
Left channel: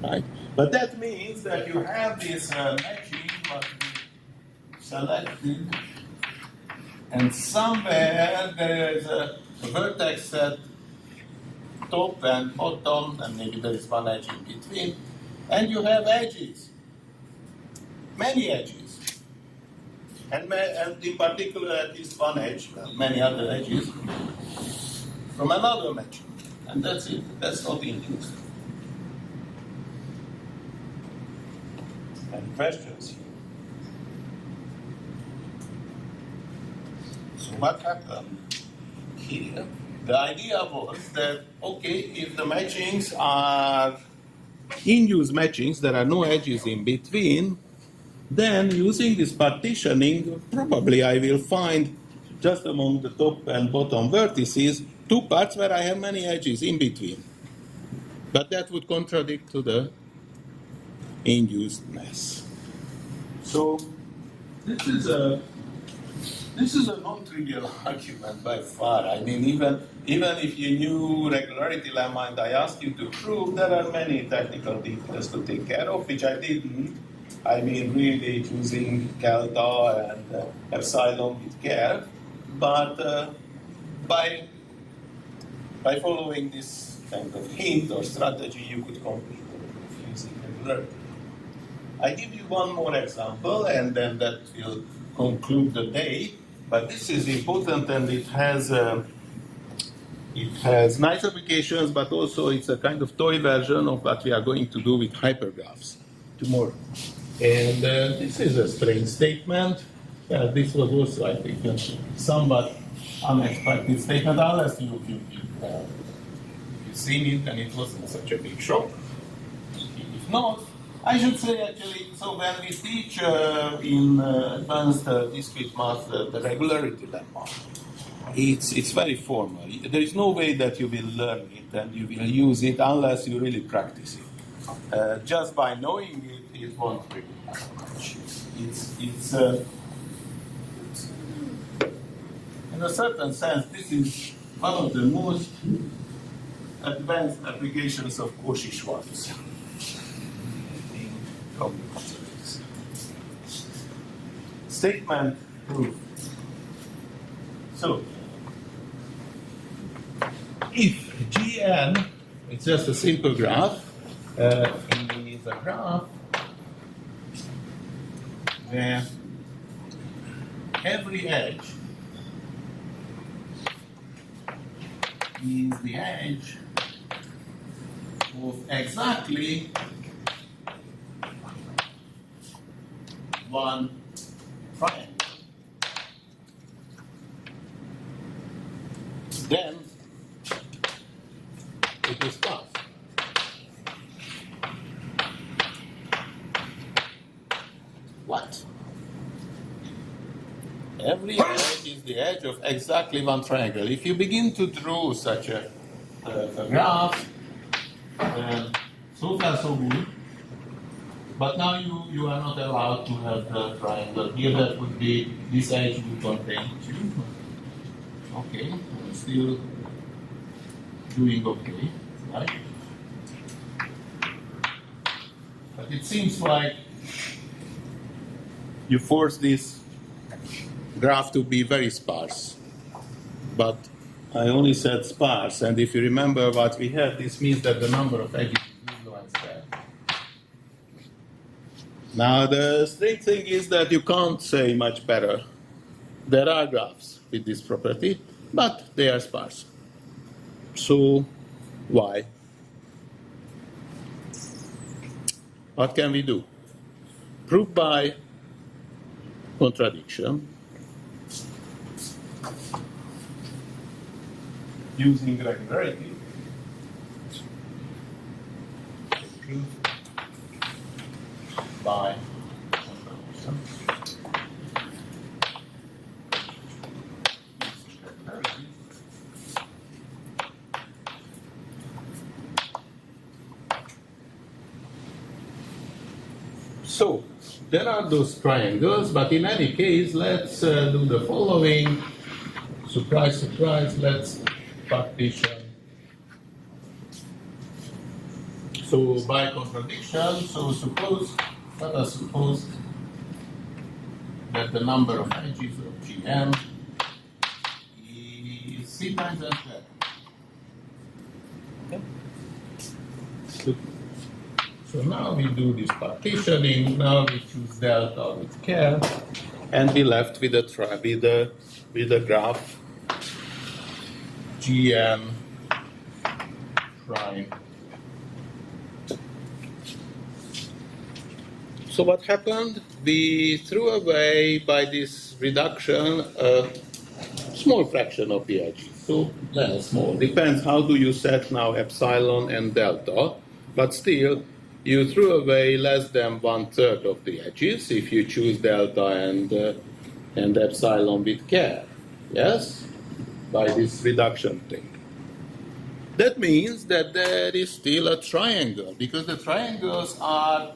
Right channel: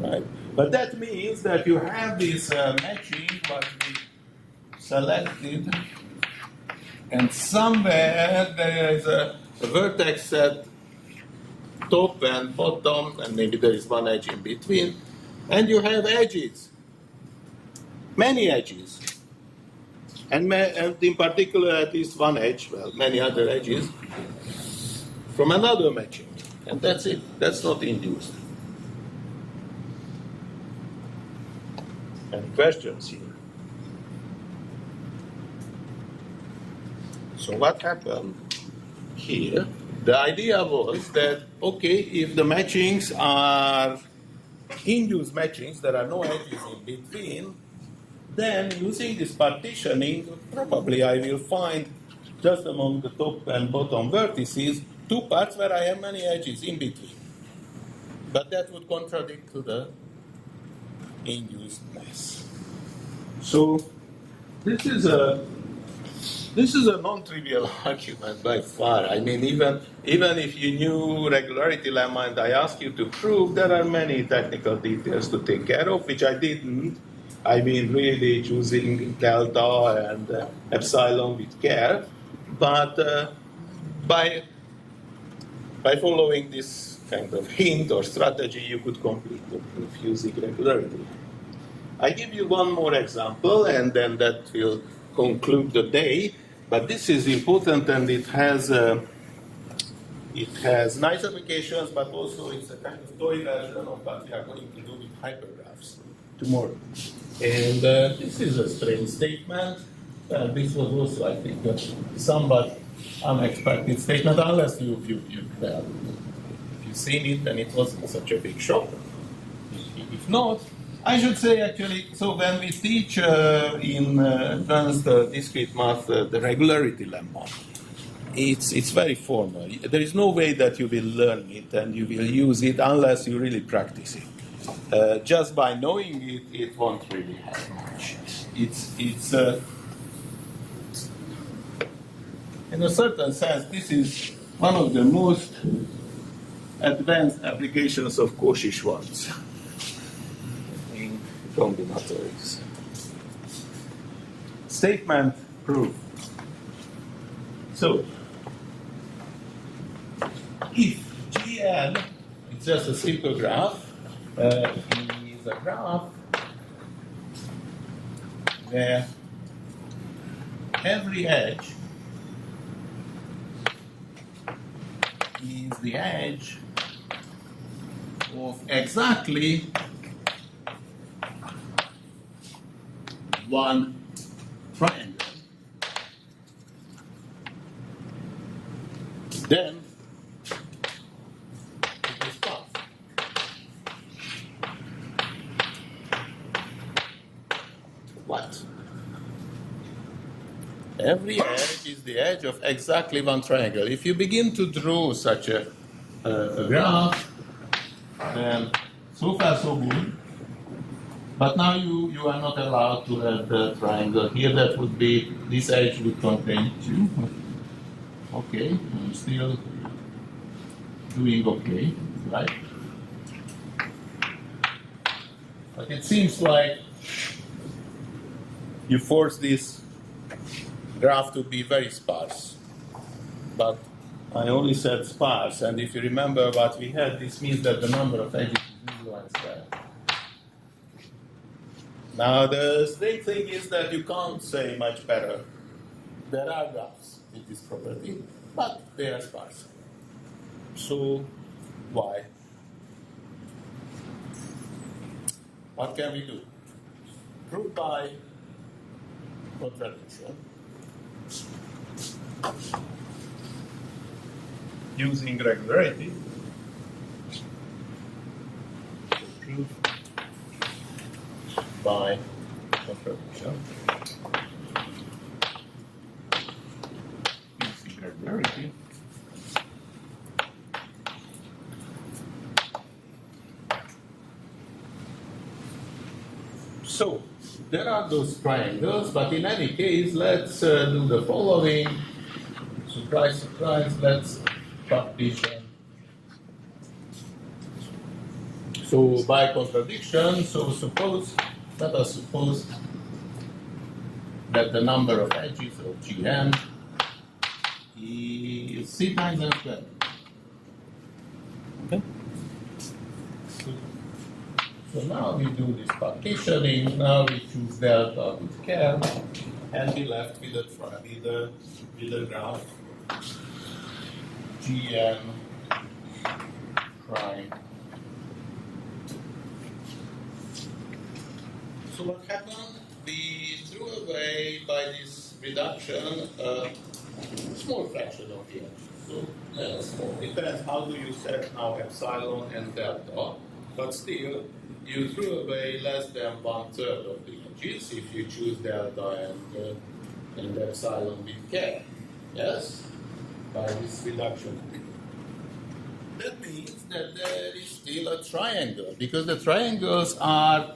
right? But that means that you have this matching what we selected, and somewhere there is a vertex at top and bottom, and maybe there is one edge in between, and you have edges, many edges, and in particular at least one edge, well, many other edges from another matching, and that's it. That's not induced. Any questions here? So what happened here? The idea was that, okay, if the matchings are induced matchings, there are no edges in between, then using this partitioning, probably I will find just among the top and bottom vertices two parts where I have many edges in between. But that would contradict to the inducedness. So this is a non-trivial argument by far. I mean, even if you knew regularity lemma and I asked you to prove, there are many technical details to take care of, which I didn't. I mean, really choosing delta and epsilon with care. But by following this kind of hint or strategy, you could complete the proof using regularity. I give you one more example, and then that will conclude the day. But this is important, and it has nice applications, but also it's a kind of toy version of what we are going to do with hypergraphs tomorrow. And this is a strange statement. This was also, I think, a somewhat unexpected statement, unless you've seen it, then it wasn't such a big shock. If not, I should say actually, so when we teach in advanced discrete math the regularity lemma, it's very formal. There is no way that you will learn it and you will use it unless you really practice it. Just by knowing it, it won't really help much. It's in a certain sense, this is one of the most advanced applications of Cauchy-Schwarz in combinatorics. Statement proof. So, if Gn, it's just a simple graph, is a graph where every edge is the edge of exactly one triangle, then it is sparse. What? Every edge is the edge of exactly one triangle. If you begin to draw such a graph, then so far so good. But now you are not allowed to have the triangle here. That would be, this edge would contain 2. Okay, I'm still doing okay, right? But it seems like you force this graph to be very sparse. But I only said sparse, and if you remember what we had, this means that the number of edges is influenced there. Now, the strange thing is that you can't say much better. There are graphs with this property, but they are sparse. So, why? What can we do? Prove by contradiction using regularity. Prove by contradiction using regularity. So, there are those triangles, but in any case, let's do the following. Surprise, surprise, let's partition. So, by contradiction, so suppose, let us suppose that the number of edges of Gn is C times n squared. Okay? Good. So now we do this partitioning. Now we choose delta with care, and be left with a graph Gn prime So what happened? We threw away by this reduction a small fraction of the edges. So less small. Depends how do you set now epsilon and delta. But still, you threw away less than 1/3 of the edges if you choose delta and epsilon with care. Yes? By this reduction thing. That means that there is still a triangle, because the triangles are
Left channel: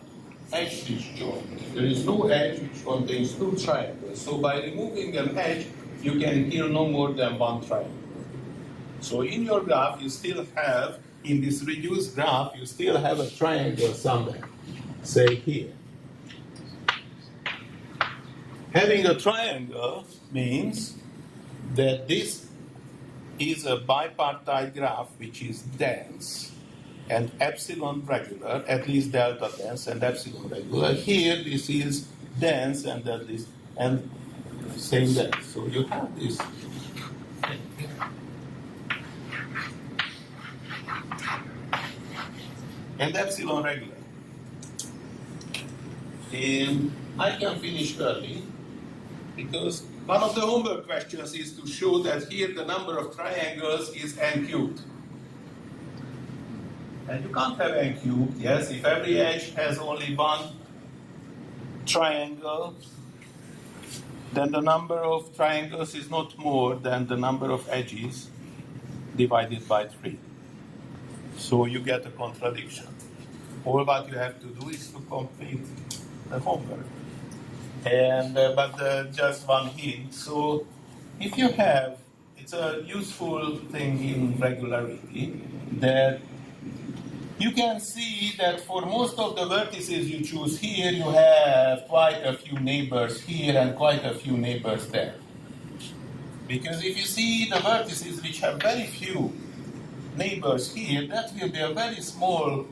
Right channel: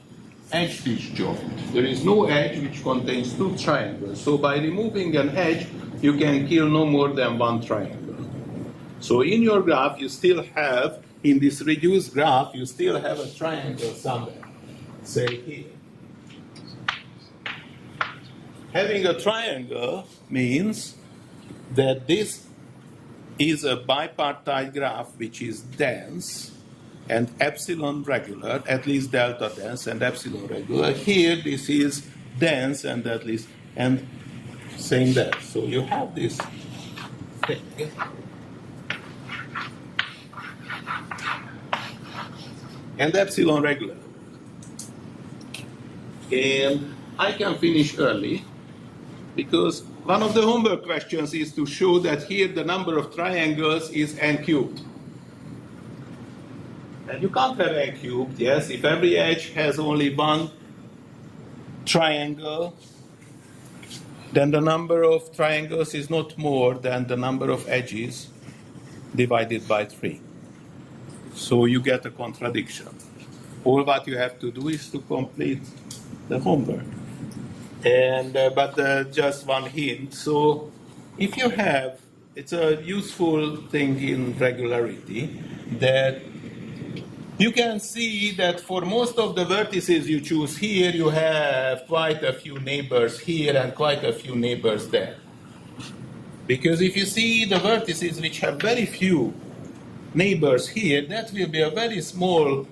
edge disjoint. There is no edge which contains two triangles. So by removing an edge, you can kill no more than one triangle. So in your graph, you still have, in this reduced graph, you still have a triangle somewhere, say here. Having a triangle means that this is a bipartite graph which is dense and epsilon regular, at least delta dense and epsilon regular. Here this is dense and at least, and same there. So you have this thing. And epsilon regular. And I can finish early because one of the homework questions is to show that here the number of triangles is n cubed. And you can't have n cubed, yes, if every edge has only one triangle, then the number of triangles is not more than the number of edges divided by 3. So you get a contradiction. All what you have to do is to complete the homework. And but just one hint. So if you have, it's a useful thing in regularity that you can see that for most of the vertices you choose here, you have quite a few neighbors here and quite a few neighbors there. Because if you see the vertices which have very few neighbors here, that will be a very small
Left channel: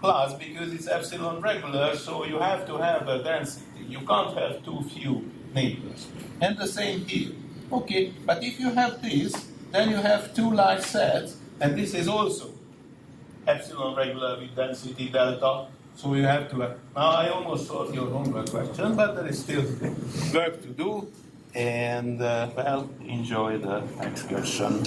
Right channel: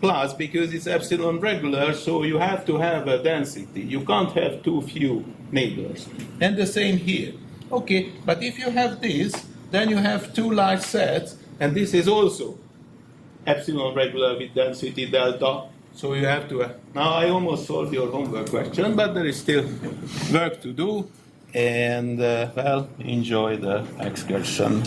class because it's epsilon regular, so you have to have a density. You can't have too few neighbors. And the same here. Okay, but if you have this, then you have two large sets, and this is also epsilon regular with density delta. So you have to have, now I almost solved your homework question, but there is still work to do. And well, enjoy the excursion.